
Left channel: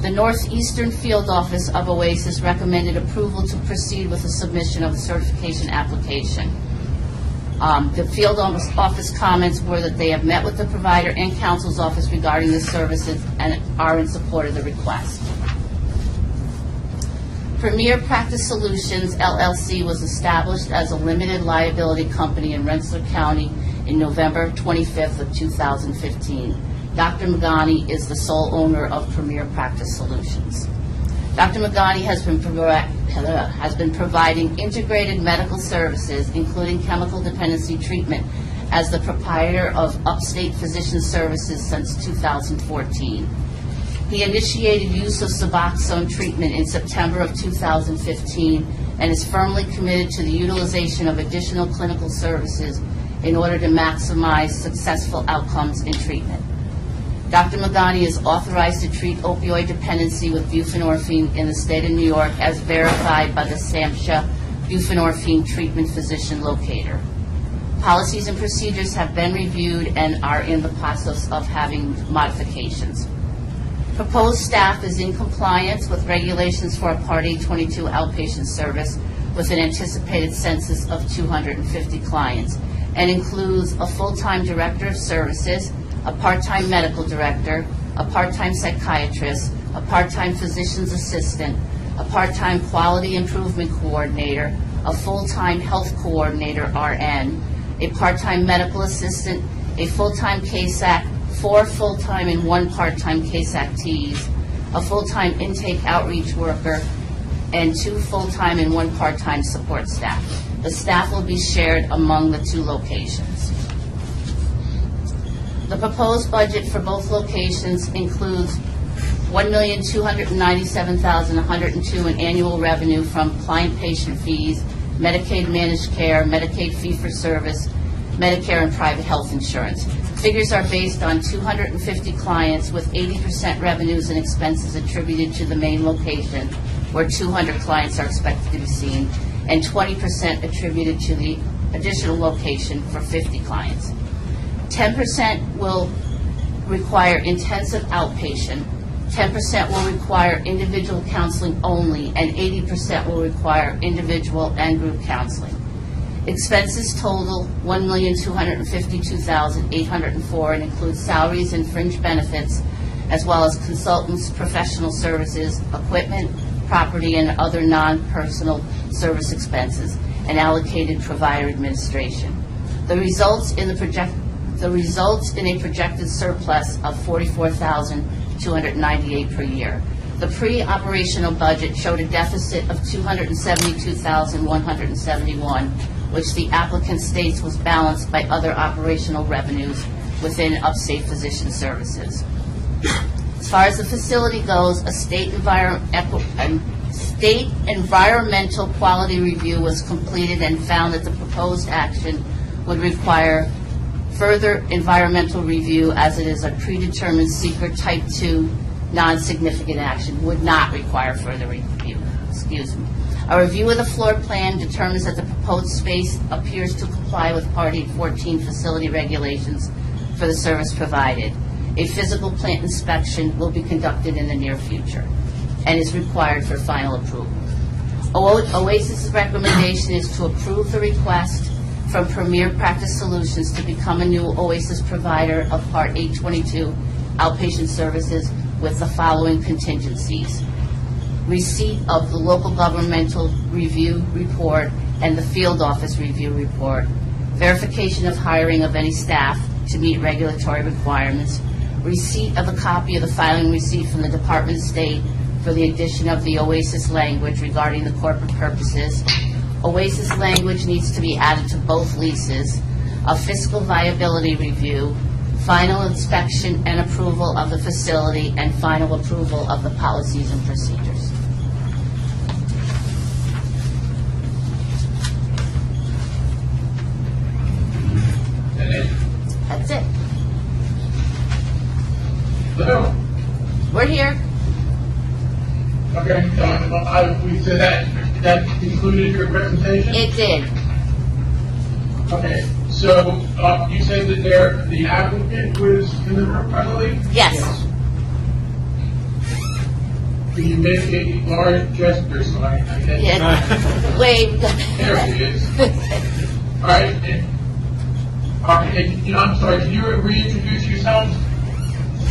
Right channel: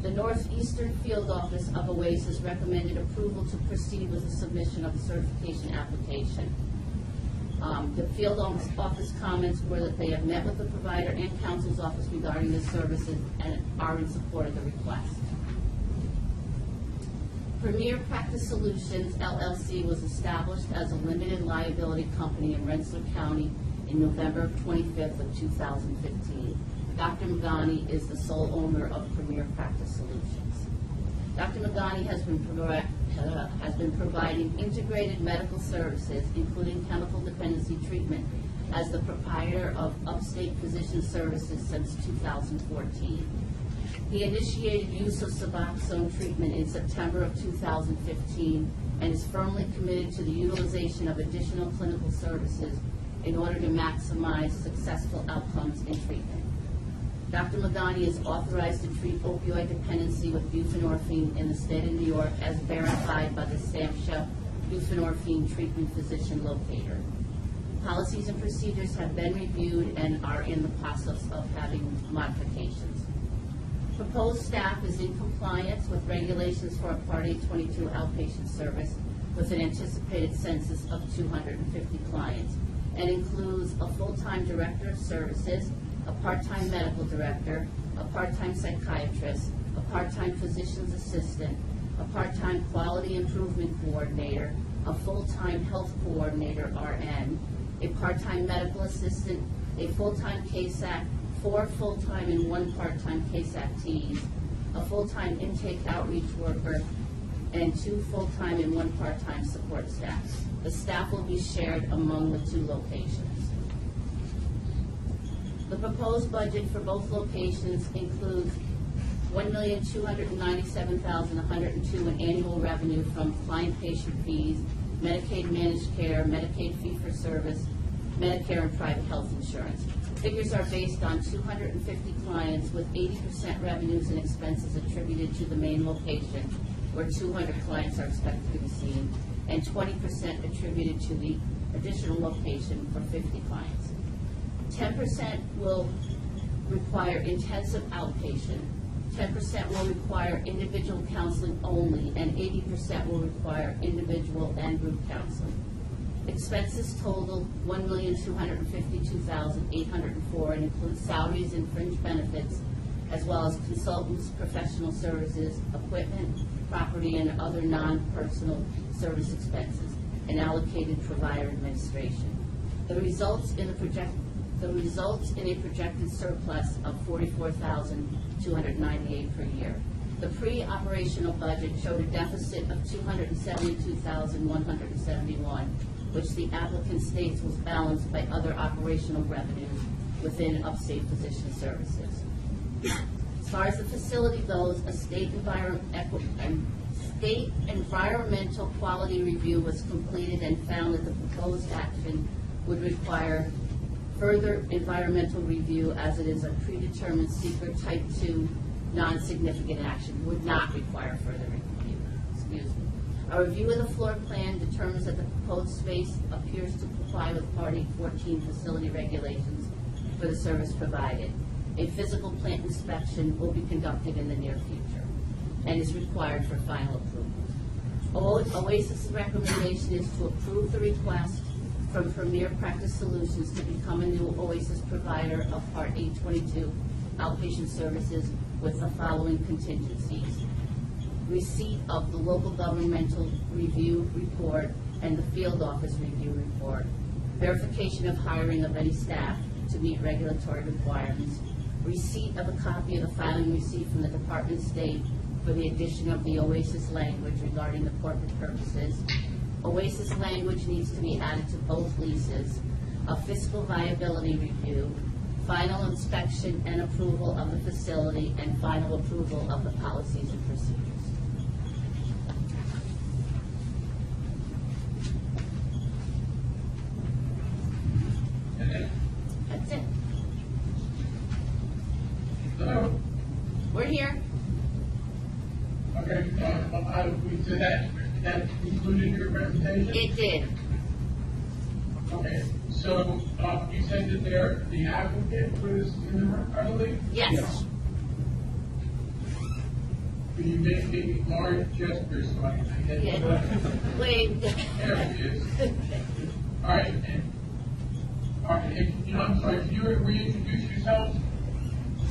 The Northeastern Field Office of OASIS recommended approval to proceed with the submission of the certification application. The field office comments were that they have met with the provider and counsel's office regarding the services and are in support of the request. Premier Practice Solutions LLC was established as a limited liability company in Rensselaer County in November 25th of 2015. Dr. Magani is the sole owner of Premier Practice Solutions. Dr. Magani has been providing integrated medical services, including chemical dependency treatment, as the proprietor of Upstate Physician Services since 2014. He initiated use of Suboxone treatment in September of 2015 and is firmly committed to the utilization of additional clinical services in order to maximize successful outcomes in treatment. Dr. Magani is authorized to treat opioid dependency with buprenorphine in the state of New York as verified by the SAMHSA buprenorphine treatment physician locator. Policies and procedures have been reviewed and are in the process of having modifications. Proposed staff is in compliance with regulations for a Part 822 outpatient service with an anticipated census of 250 clients and includes a full-time director of services, a part-time medical director, a part-time psychiatrist, a part-time physician's assistant, a part-time quality improvement coordinator, a full-time health coordinator RN, a part-time medical assistant, a full-time CASAC, 4 full-time and 1 part-time CASAC-Ts, a full-time intake outreach worker, and 2 full-time and 1 part-time support staff. The staff will be shared among the 2 locations. The proposed budget for both locations includes $1,297,102 in annual revenue from client-patient fees, Medicaid managed care, Medicaid fee-for-service, Medicare and private health insurance. Figures are based on 250 clients with 80% revenues and expenses attributed to the main location, where 200 clients are expected to be seen, and 20% attributed to the additional location for 50 clients. 10% will require intensive outpatient, 10% will require individual counseling only, and 80% will require individual and group counseling. Expenses total $1,252,804 and includes salaries and fringe benefits, as well as consultants, professional services, equipment, property, and other non-personal service expenses, and allocated provider administration. The results in a projected surplus of $44,298 per year. The pre-operational budget showed a deficit of $272,171, which the applicant states was balanced by other operational revenues within Upstate Physician Services. As far as the facility goes, a state environmental quality review was completed and found that the proposed action would require further environmental review, as it is a predetermined secret type 2 non-significant action, would not require further review. Excuse me. A review of the floor plan determines that the proposed space appears to comply with Part 814 facility regulations for the service provided. A physical plant inspection will be conducted in the near future and is required for final approval. OASIS's recommendation is to approve the request from Premier Practice Solutions to become a new OASIS provider of Part 822 outpatient services with the following contingencies: receipt of the local governmental review report and the field office review report, verification of hiring of any staff to meet regulatory requirements, receipt of a copy of the filing receipt from the Department of State for the addition of the OASIS language regarding the corporate purposes. OASIS language needs to be added to both leases, a fiscal viability review, final inspection and approval of the facility, and final approval of the policies and procedures. That's it. Hello? We're here. Okay, we said that concluded your presentation? It did. Okay, so you said that the applicant was in the room, I believe? Yes. You make a large gesture, so I guess. Yeah, wave. There he is. All right. I'm sorry, can you reintroduce yourself?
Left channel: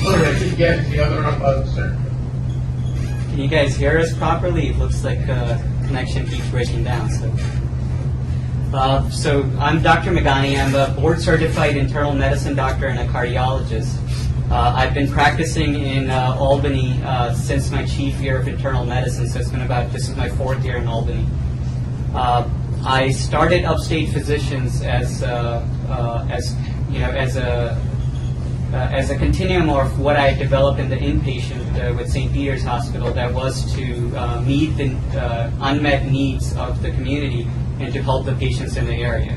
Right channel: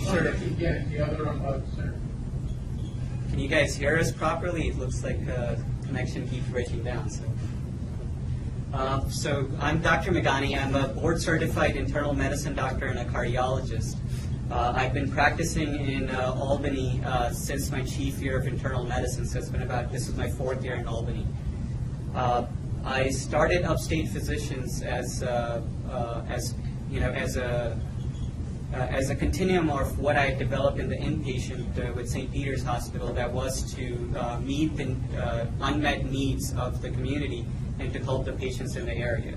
Or I could get the other sir. Can you guys hear us properly? It looks like connection keeps breaking down. So I'm Dr. Megani. I'm a board-certified internal medicine doctor and a cardiologist. I've been practicing in Albany since my chief year of internal medicine, so this is my 4th year in Albany. I started Upstate Physicians as a continuum of what I developed in the inpatient with St. Peter's Hospital, that was to meet the unmet needs of the community and to help the patients in the area.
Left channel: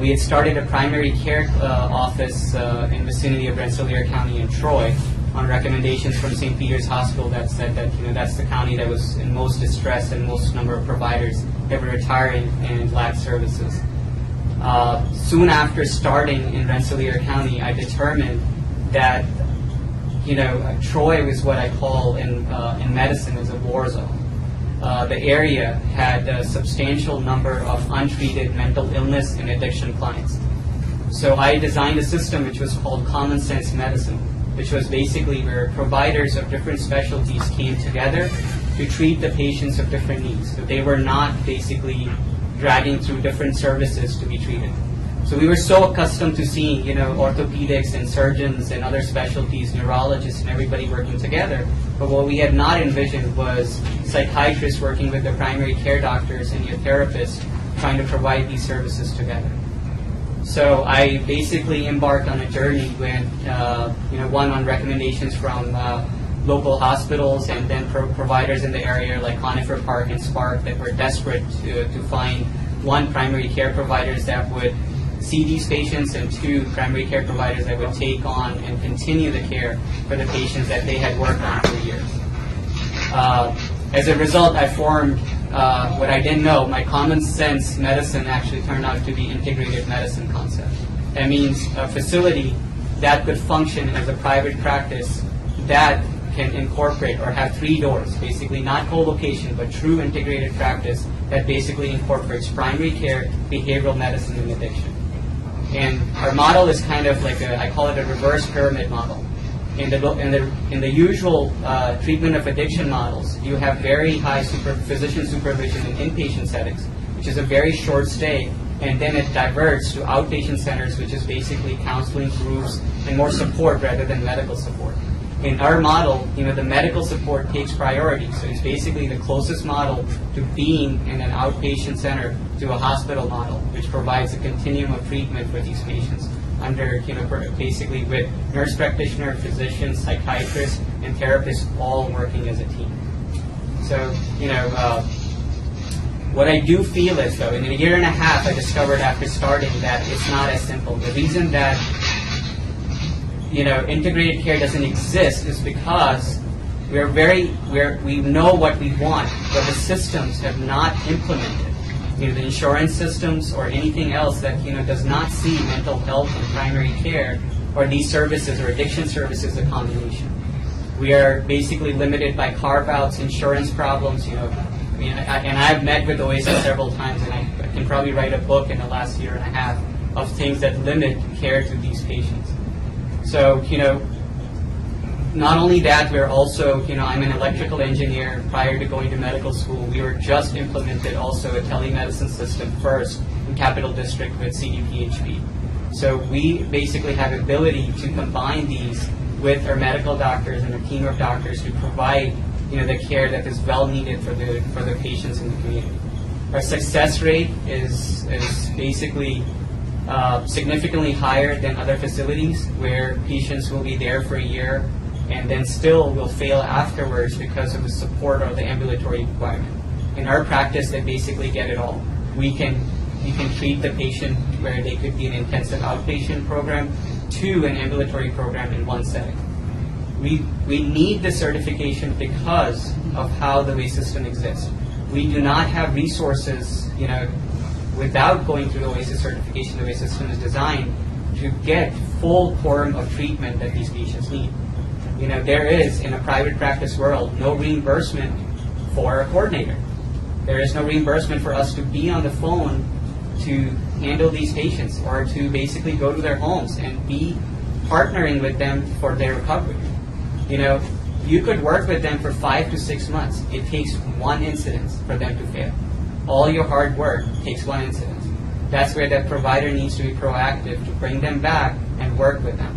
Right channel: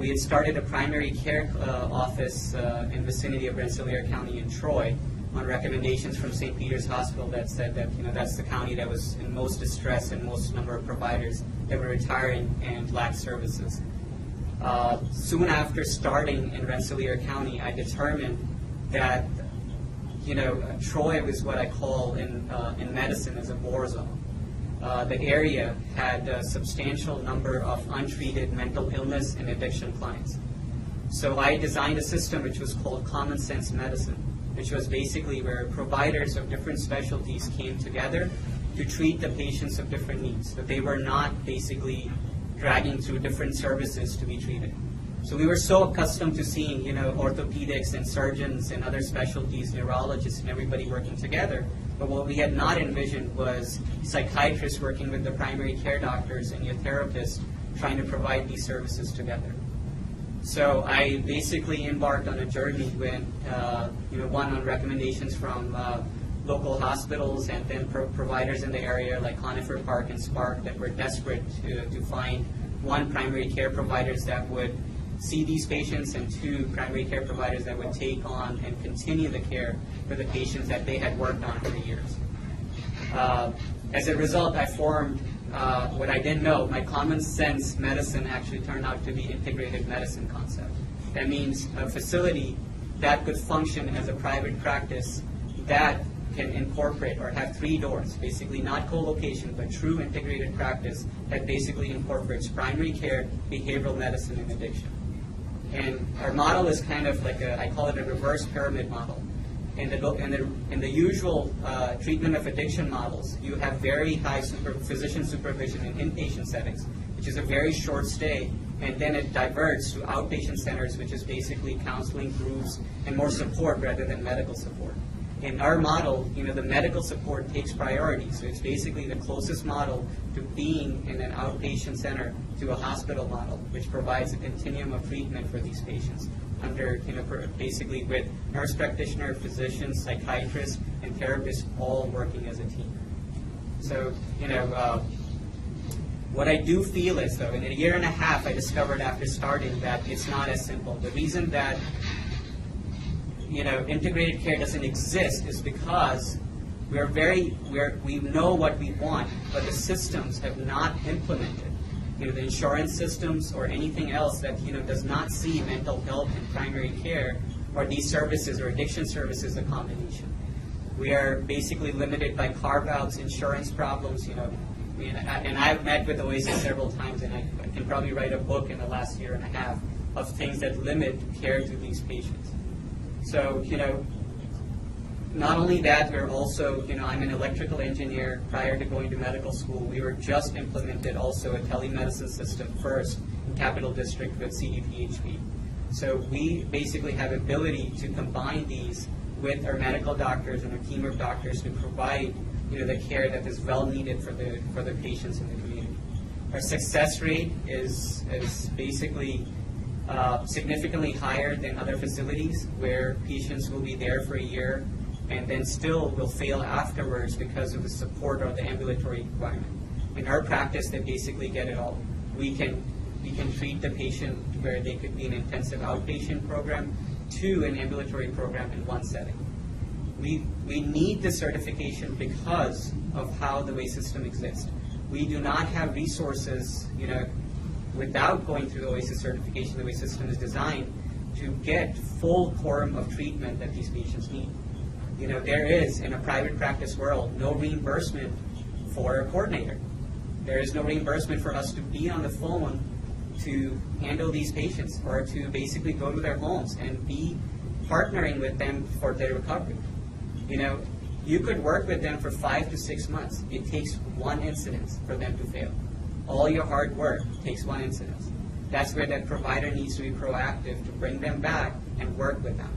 We had started a primary care office in the vicinity of Rensselaer County and Troy on recommendations from St. Peter's Hospital that said that that's the county that was in most distress and most number of providers that were retiring and lacked services. Soon after starting in Rensselaer County, I determined that Troy was what I call in medicine as a war zone. The area had a substantial number of untreated mental illness and addiction clients. So I designed a system which was called Common Sense Medicine, which was basically where providers of different specialties came together to treat the patients of different needs. So they were not basically dragging through different services to be treated. So we were so accustomed to seeing, orthopedics and surgeons and other specialties, neurologists and everybody working together. But what we had not envisioned was psychiatrists working with the primary care doctors and your therapists trying to provide these services together. So I basically embarked on a journey with, one on recommendations from local hospitals and then providers in the area like Conifer Park and Spark that were desperate to find, one, primary care providers that would see these patients, and two, primary care providers that would take on and continue the care for the patients that they had worked on for years. As a result, I formed what I didn't know. My Common Sense Medicine actually turned out to be integrated medicine concept. That means a facility that could function as a private practice that can incorporate or have 3 doors, basically not co-location, but true integrated practice that basically incorporates primary care, behavioral medicine, and addiction. And our model is kind of like I call it a reverse pyramid model. In the usual treatment of addiction models, you have very high physician supervision in inpatient settings, which is a very short stay, and then it diverts to outpatient centers, which is basically counseling groups and more support rather than medical support. In our model, the medical support takes priority, so it's basically the closest model to being in an outpatient center to a hospital model, which provides a continuum of treatment for these patients under, basically with nurse practitioner, physicians, psychiatrists, and therapists all working as a team. So, what I do feel is, though, in a year and a half, I discovered after starting that it's not as simple. The reason that integrated care doesn't exist is because we know what we want, but the systems have not implemented. The insurance systems or anything else that does not see mental health and primary care or these services or addiction services a combination. We are basically limited by carve-outs, insurance problems. And I've met with OASIS several times, and I can probably write a book in the last year and a half of things that limit care to these patients. So, not only that, we're also, I'm an electrical engineer. Prior to going to medical school, we were just implemented also a telemedicine system first in Capital District with CDPHP. So we basically have ability to combine these with our medical doctors and a team of doctors to provide, the care that is well needed for the patients in the community. Our success rate is basically significantly higher than other facilities where patients will be there for a year and then still will fail afterwards because of the support or the ambulatory requirement. In our practice, they basically get it all. We can treat the patient where they could be an intensive outpatient program to an ambulatory program in one setting. We need the certification because of how the way system exists. We do not have resources, without going through the OASIS certification, the way system is designed to get full quorum of treatment that these patients need. You know, there is, in a private practice world, no reimbursement for a coordinator. There is no reimbursement for us to be on the phone to handle these patients or to basically go to their homes and be partnering with them for their recovery. You know, you could work with them for 5 to 6 months. It takes one incident for them to fail. All your hard work takes one incident. That's where the provider needs to be proactive to bring them back and work with them.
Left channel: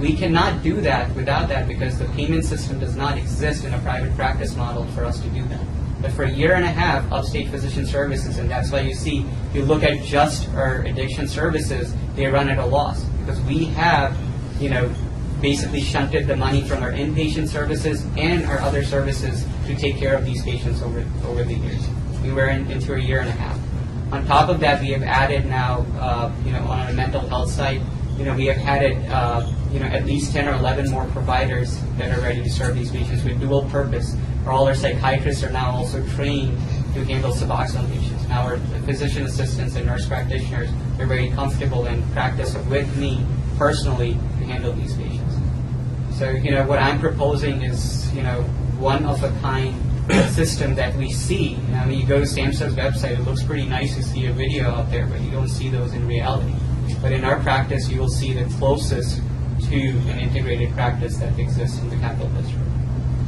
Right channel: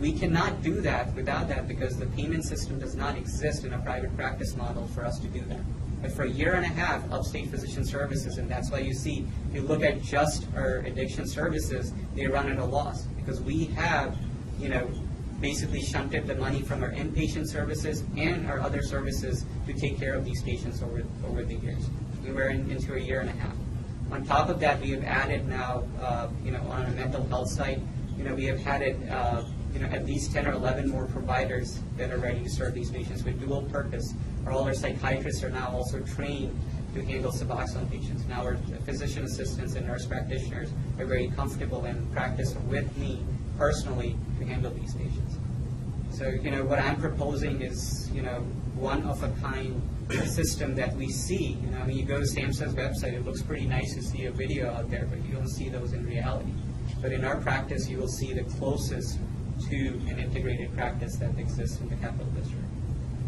We cannot do that without that because the payment system does not exist in a private practice model for us to do that. But for a year and a half, Upstate Physician Services, and that's why you see, you look at just our addiction services, they run at a loss because we have, you know, basically shunted the money from our inpatient services and our other services to take care of these patients over the years. We were into a year and a half. On top of that, we have added now, you know, on our mental health side, you know, we have added, you know, at least 10 or 11 more providers that are ready to serve these patients with dual purpose. All our psychiatrists are now also trained to handle Suboxone patients. Now our physician assistants and nurse practitioners are very comfortable and practice with me personally to handle these patients. So, you know, what I'm proposing is, you know, one-of-a-kind system that we see. I mean, you go to SAMHSA's website, it looks pretty nice to see a video out there, but you don't see those in reality. But in our practice, you will see the closest to an integrated practice that exists in the Capital District.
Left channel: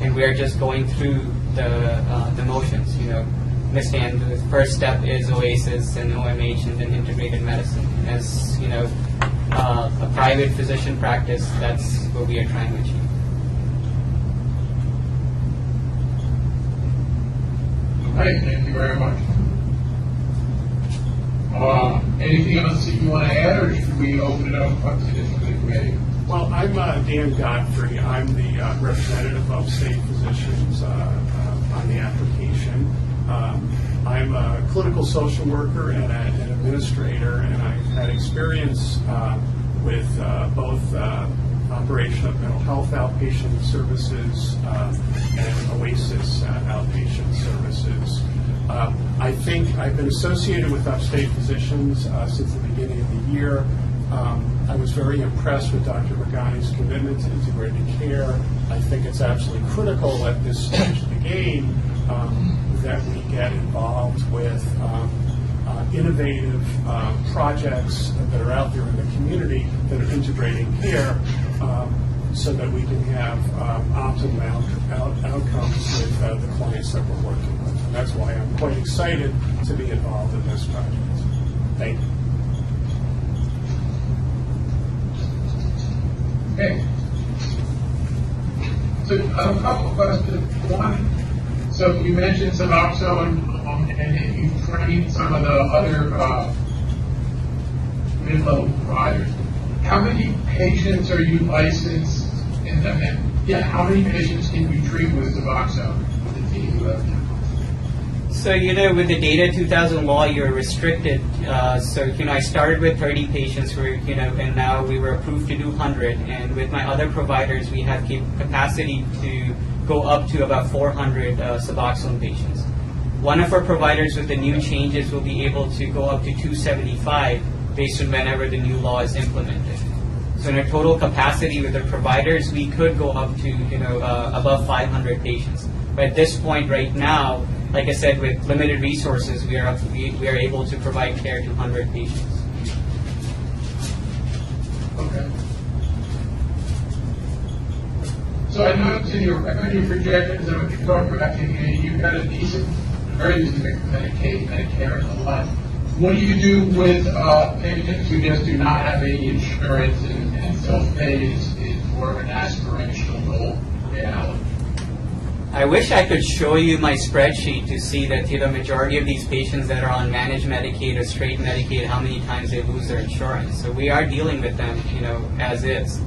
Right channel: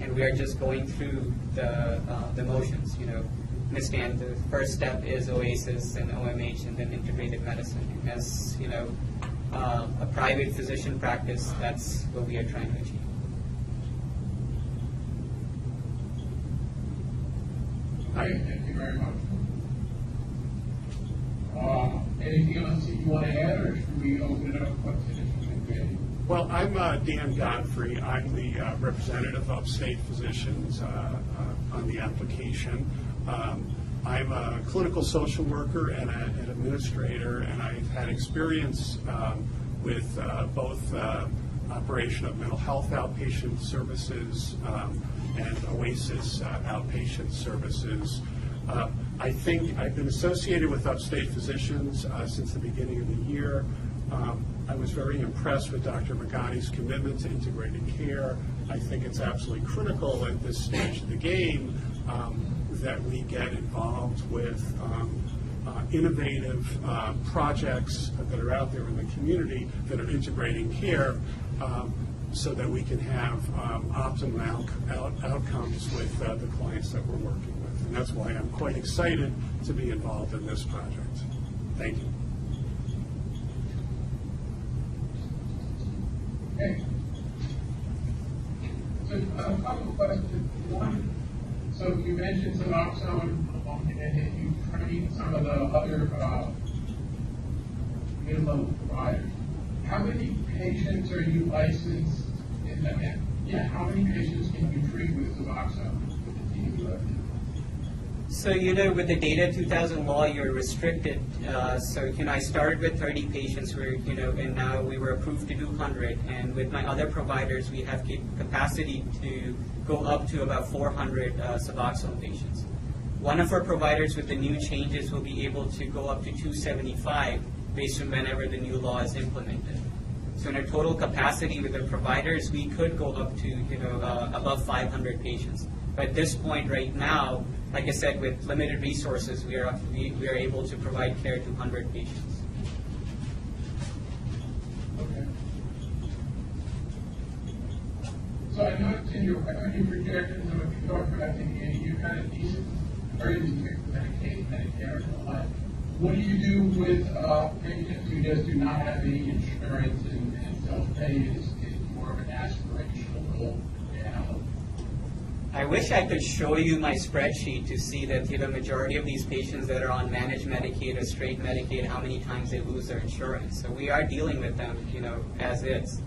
And we're just going through the motions, you know. Understand the first step is OASIS and OMH and then integrated medicine. And as, you know, a private physician practice, that's what we are trying to achieve. Okay, thank you very much. Anything else that you want to add, or should we open it up to the committee? Well, I'm Dan Godfrey. I'm the representative of state physicians on the application. I'm a clinical social worker and an administrator, and I've had experience with both operation of mental health outpatient services and OASIS outpatient services. I think I've been associated with Upstate Physicians since the beginning of the year. I was very impressed with Dr. Magani's commitment to integrated care. I think it's absolutely critical at this stage of the game that we get involved with innovative projects that are out there in the community that are integrating care so that we can have optimal outcomes with the clients that we're working with. And that's why I'm quite excited to be involved in this project. Thank you. Okay. So a couple of questions. One, so you mentioned Suboxone, and you've trained some of the other mid-level providers. How many patients are you licensed in them? And yeah, how many patients can you treat with Suboxone with the team you have now? So, you know, with the Data 2000 law, you're restricted. So, you know, I started with 30 patients, you know, and now we were approved to do 100. And with my other providers, we have capacity to go up to about 400 Suboxone patients. One of our providers with the new changes will be able to go up to 275 based on whenever the new law is implemented. So in our total capacity with our providers, we could go up to, you know, above 500 patients. But at this point right now, like I said, with limited resources, we are able to provide care to 100 patients. Okay. So I noticed in your projections that what you're talking about, you've got a decent, very decent Medicaid, Medicare, and the like. What do you do with patients who just do not have any insurance and self-pay is more of an aspirational goal reality? I wish I could show you my spreadsheet to see that, you know, majority of these patients that are on managed Medicaid or straight Medicaid, how many times they lose their insurance. So we are dealing with them, you know, as is.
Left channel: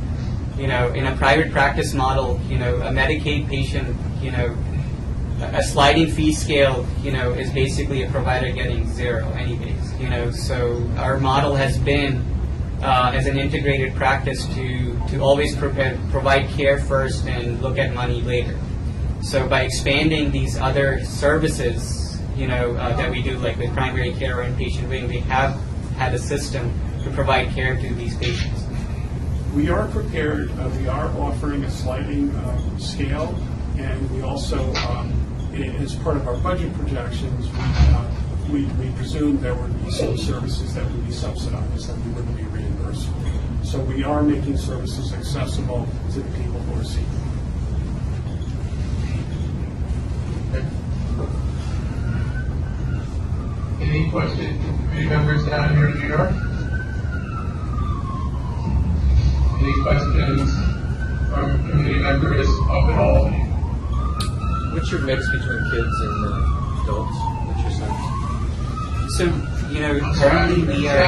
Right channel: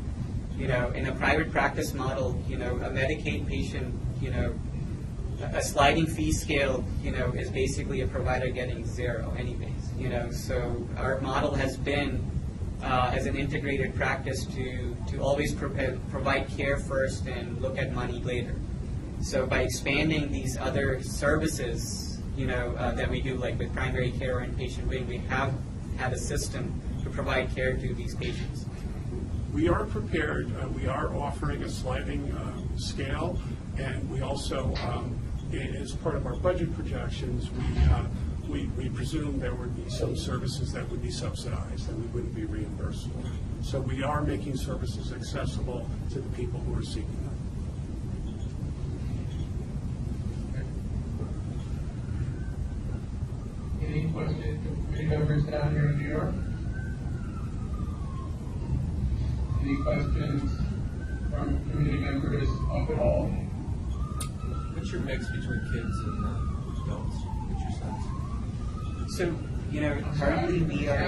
You know, in a private practice model, you know, a Medicaid patient, you know, a sliding fee scale, you know, is basically a provider getting zero anyways, you know. So our model has been, as an integrated practice, to always provide care first and look at money later. So by expanding these other services, you know, that we do, like with primary care or inpatient wing, we have had a system to provide care to these patients. We are prepared. We are offering a sliding scale, and we also, as part of our budget projections, we presume there would be some services that would be subsidized and we wouldn't be reimbursed. So we are making services accessible to the people who are seeking. Any questions from committee members down here in New York? Any questions from committee members up at all? What's your mix between kids and adults? What's your sense? So, currently we are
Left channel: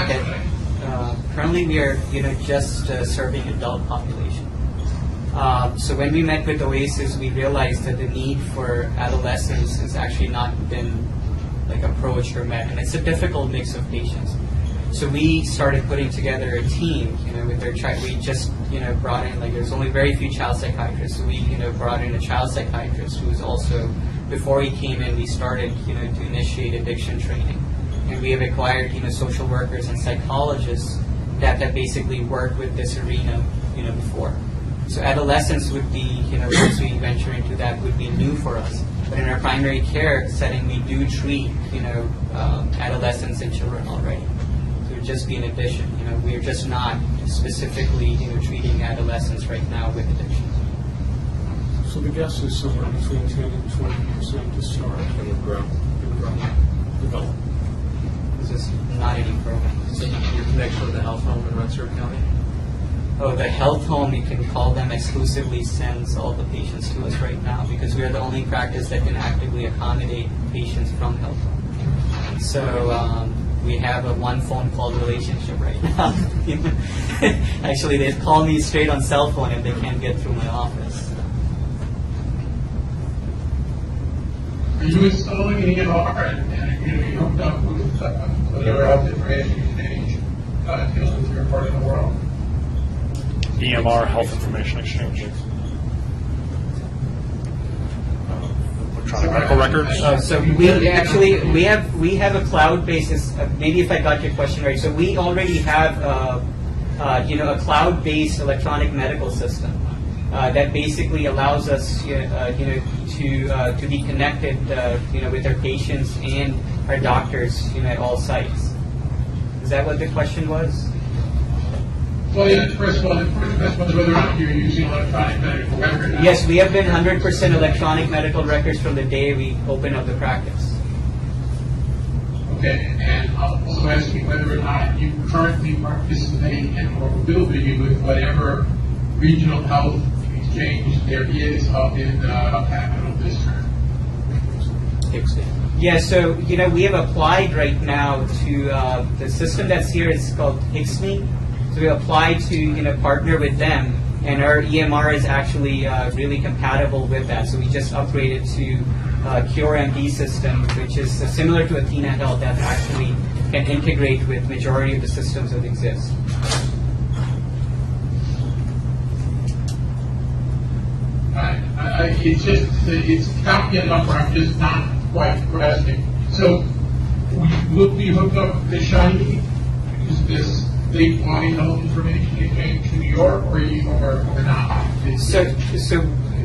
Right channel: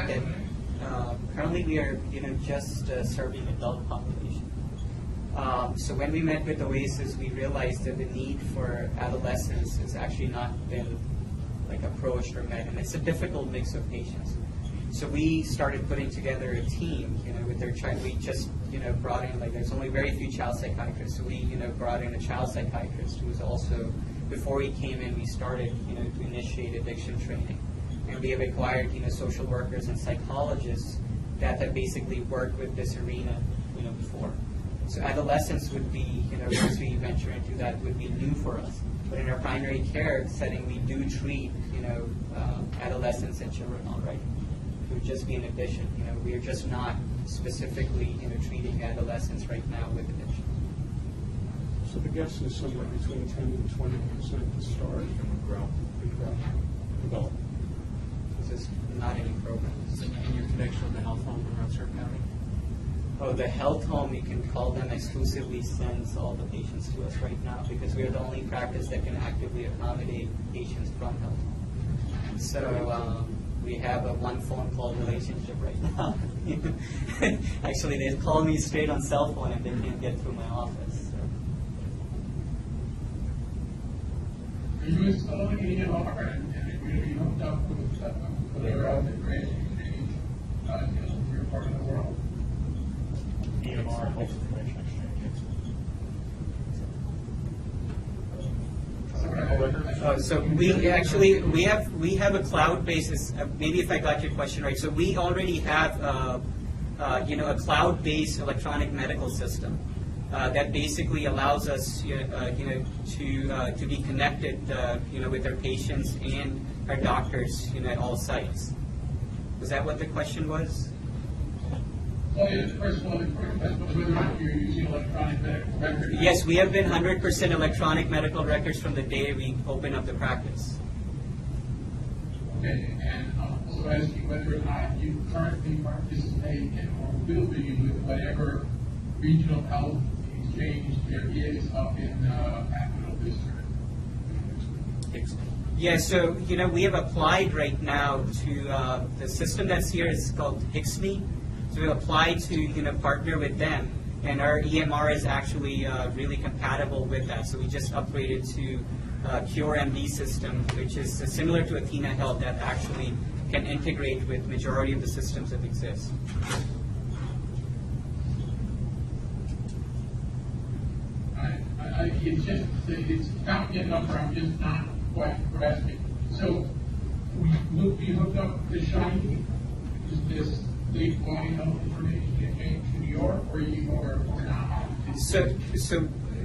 just serving adult population. So when we met with Oasis, we realized that the need for adolescents has actually not been approached or met, and it's a difficult mix of patients. So we started putting together a team, with their child. We just, brought in, there's only very few child psychiatrists. So we, brought in a child psychiatrist who's also, before he came in, we started, to initiate addiction training. And we have acquired, social workers and psychologists that basically work with this arena, before. So adolescents would be, once we venture into that, would be new for us. But in our primary care setting, we do treat, adolescents and children already. So it would just be an addition. We are just not specifically, treating adolescents right now with addiction. So the guess is somewhere between 10 and 20% to start. It would grow. Develop. This is not any program. So your connection with the health home in Rensselaer County? Oh, the health home, you can call them, exclusively sends all the patients to us right now because we are the only practice that can actively accommodate patients from health home. So we have a one phone call relationship right now. Actually, they call me straight on cell phone if they can't get through my office. Are you installing an EMR and you hooked up with whatever health information exchange deals with your part of the world? EMR, Health Information Exchange. Electronic medical records. So we have a cloud basis. Maybe if I got your question right, so we already have a cloud-based electronic medical system that basically allows us to be connected with our patients and our doctors at all sites. Is that what the question was? Well, yeah, the first one is whether or not you're using electronic medical records. Yes, we have been 100% electronic medical records from the day we opened up the practice. Okay, and I'm also asking whether or not you currently participate in or will be with whatever regional health exchange there is up in the Capital District. Yeah, so we have applied right now to the system that's here. It's called HIXME. So we applied to partner with them, and our EMR is actually really compatible with that. So we just upgraded to CureMD system, which is similar to Athena Health that actually can integrate with majority of the systems that exist. It's counting a number. I'm just not quite grasping. So will be hooked up with the Shiny? Is this statewide health information exchange to New York, or not? So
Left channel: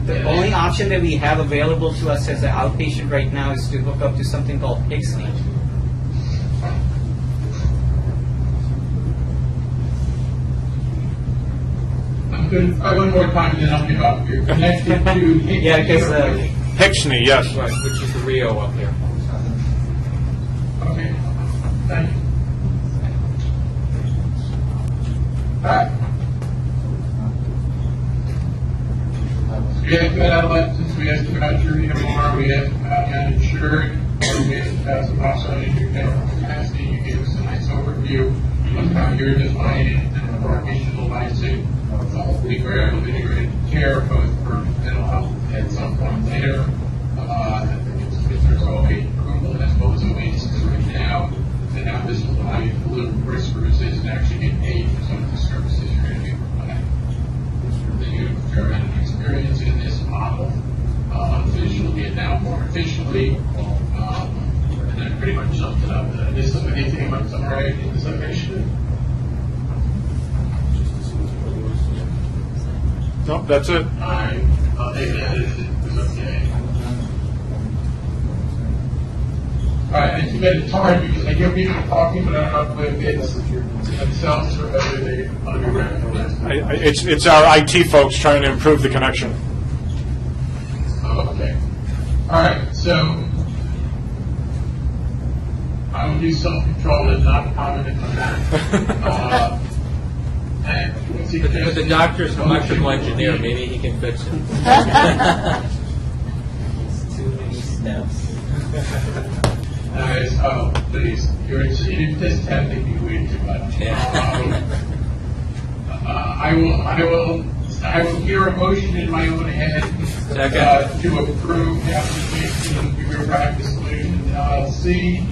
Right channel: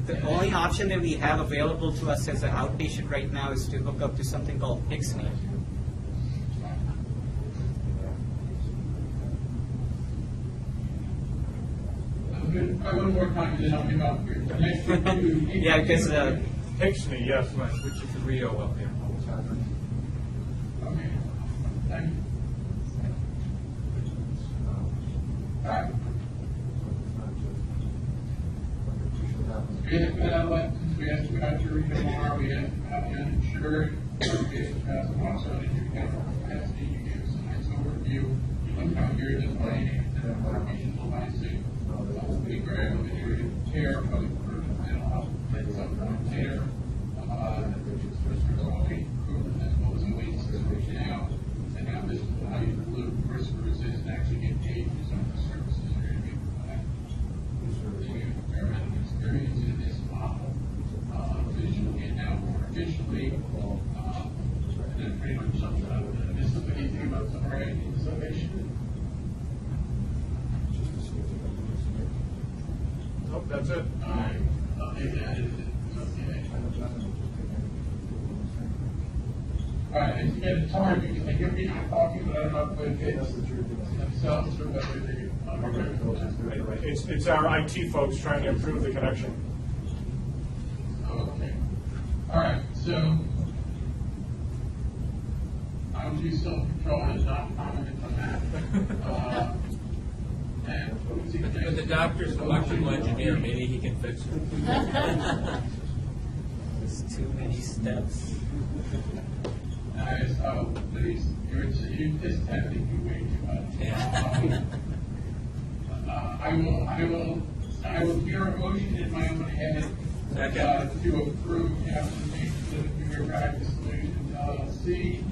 the only option that we have available to us as an outpatient right now is to hook up to something called HIXME. I'm going to try one more time, and then I'll give up. You're connected to Yeah, because Hixney, yes. Right, which is the Rio up here. Okay, thank you. We have good adolescents, we asked about your EMR, we asked about uninsured, or we asked about some offsite medical capacity. You gave us a nice overview of how you're defining and operationalizing the whole week we're able to integrate care, both for mental health at some point later. There's always approval as well as Oasis right now, and now this will allow you to deliver resources and actually get paid for some of the services you're going to be providing. You have a fair amount of experience in this model, visually and now more efficiently, and then pretty much summed it up. Is there anything about summary in this location? Nope, that's it. All right, I'll take that as it was okay. All right, and too bad it's hard because I hear people talking, but I don't know if it's themselves or whether they want to be recognized. It's our IT folks trying to improve the connection. Oh, okay. All right, so I will do self-control and not comment on that. But the doctor's an electrical engineer, maybe he can fix it. Too many steps. Guys, please, you're exceeding this tempting me way too much. I will hear a motion in my own head to approve the application of Bureau Practice Solutions LLC.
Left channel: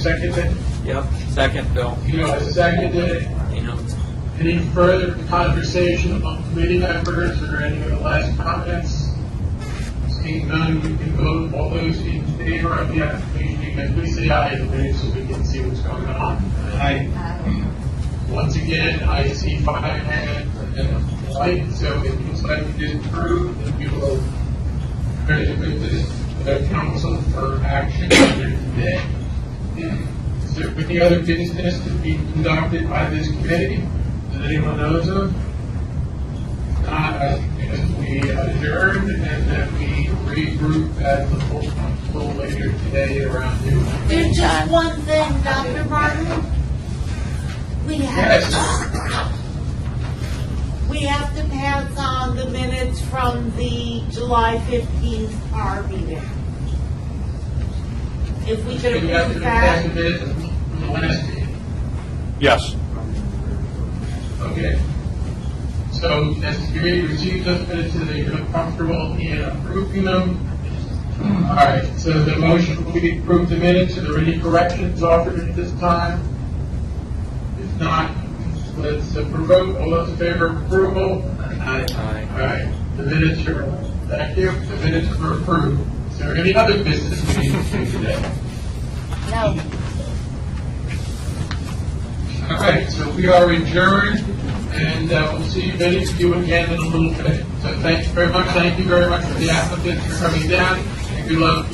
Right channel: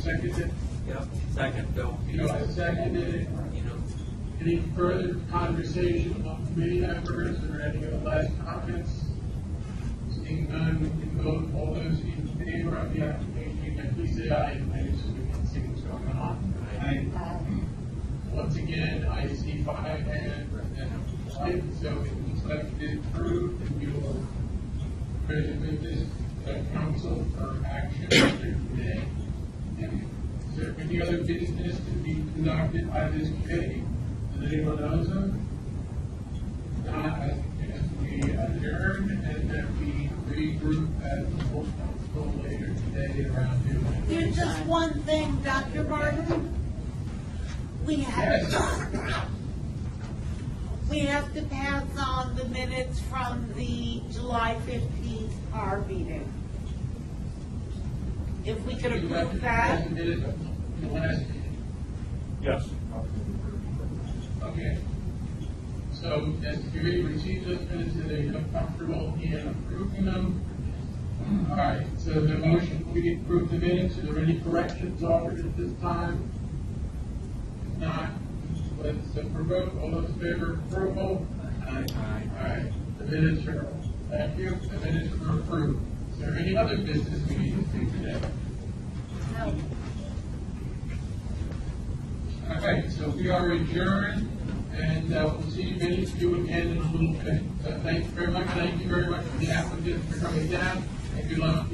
Second it? Yep, second, Bill. You know, second it. You know, Any further conversation among committee members or any of the last comments? Seeing none, we can vote. All those in favor of the application, please say aye so we can see what's going on. Aye. Once again, I see 5 hands and a light, so it looks like it is approved, and we will credit with the council for action later today. Is there any other business to be conducted by this committee that anyone knows of? Not, I guess we adjourn and then we regroup at the full council later today around noon. There's just one thing, Dr. Martin. We have to pass on the minutes from the July 15th PAR meeting. If we could We have to approve pass that. the minutes of the last meeting. Yes. Okay. So, as the committee receives those minutes, and they feel comfortable in approving them. All right, so the motion will be to approve the minutes. Are there any corrections offered at this time? If not, let's vote. All those in favor of approval? Aye. Aye. All right, the minutes are, thank you, the minutes are approved. Is there any other business we need to do today? No. All right, so we are adjourned, and we'll see many of you again in a little bit. So thank you very much. Thank you very much for the applicants for coming down, and good luck.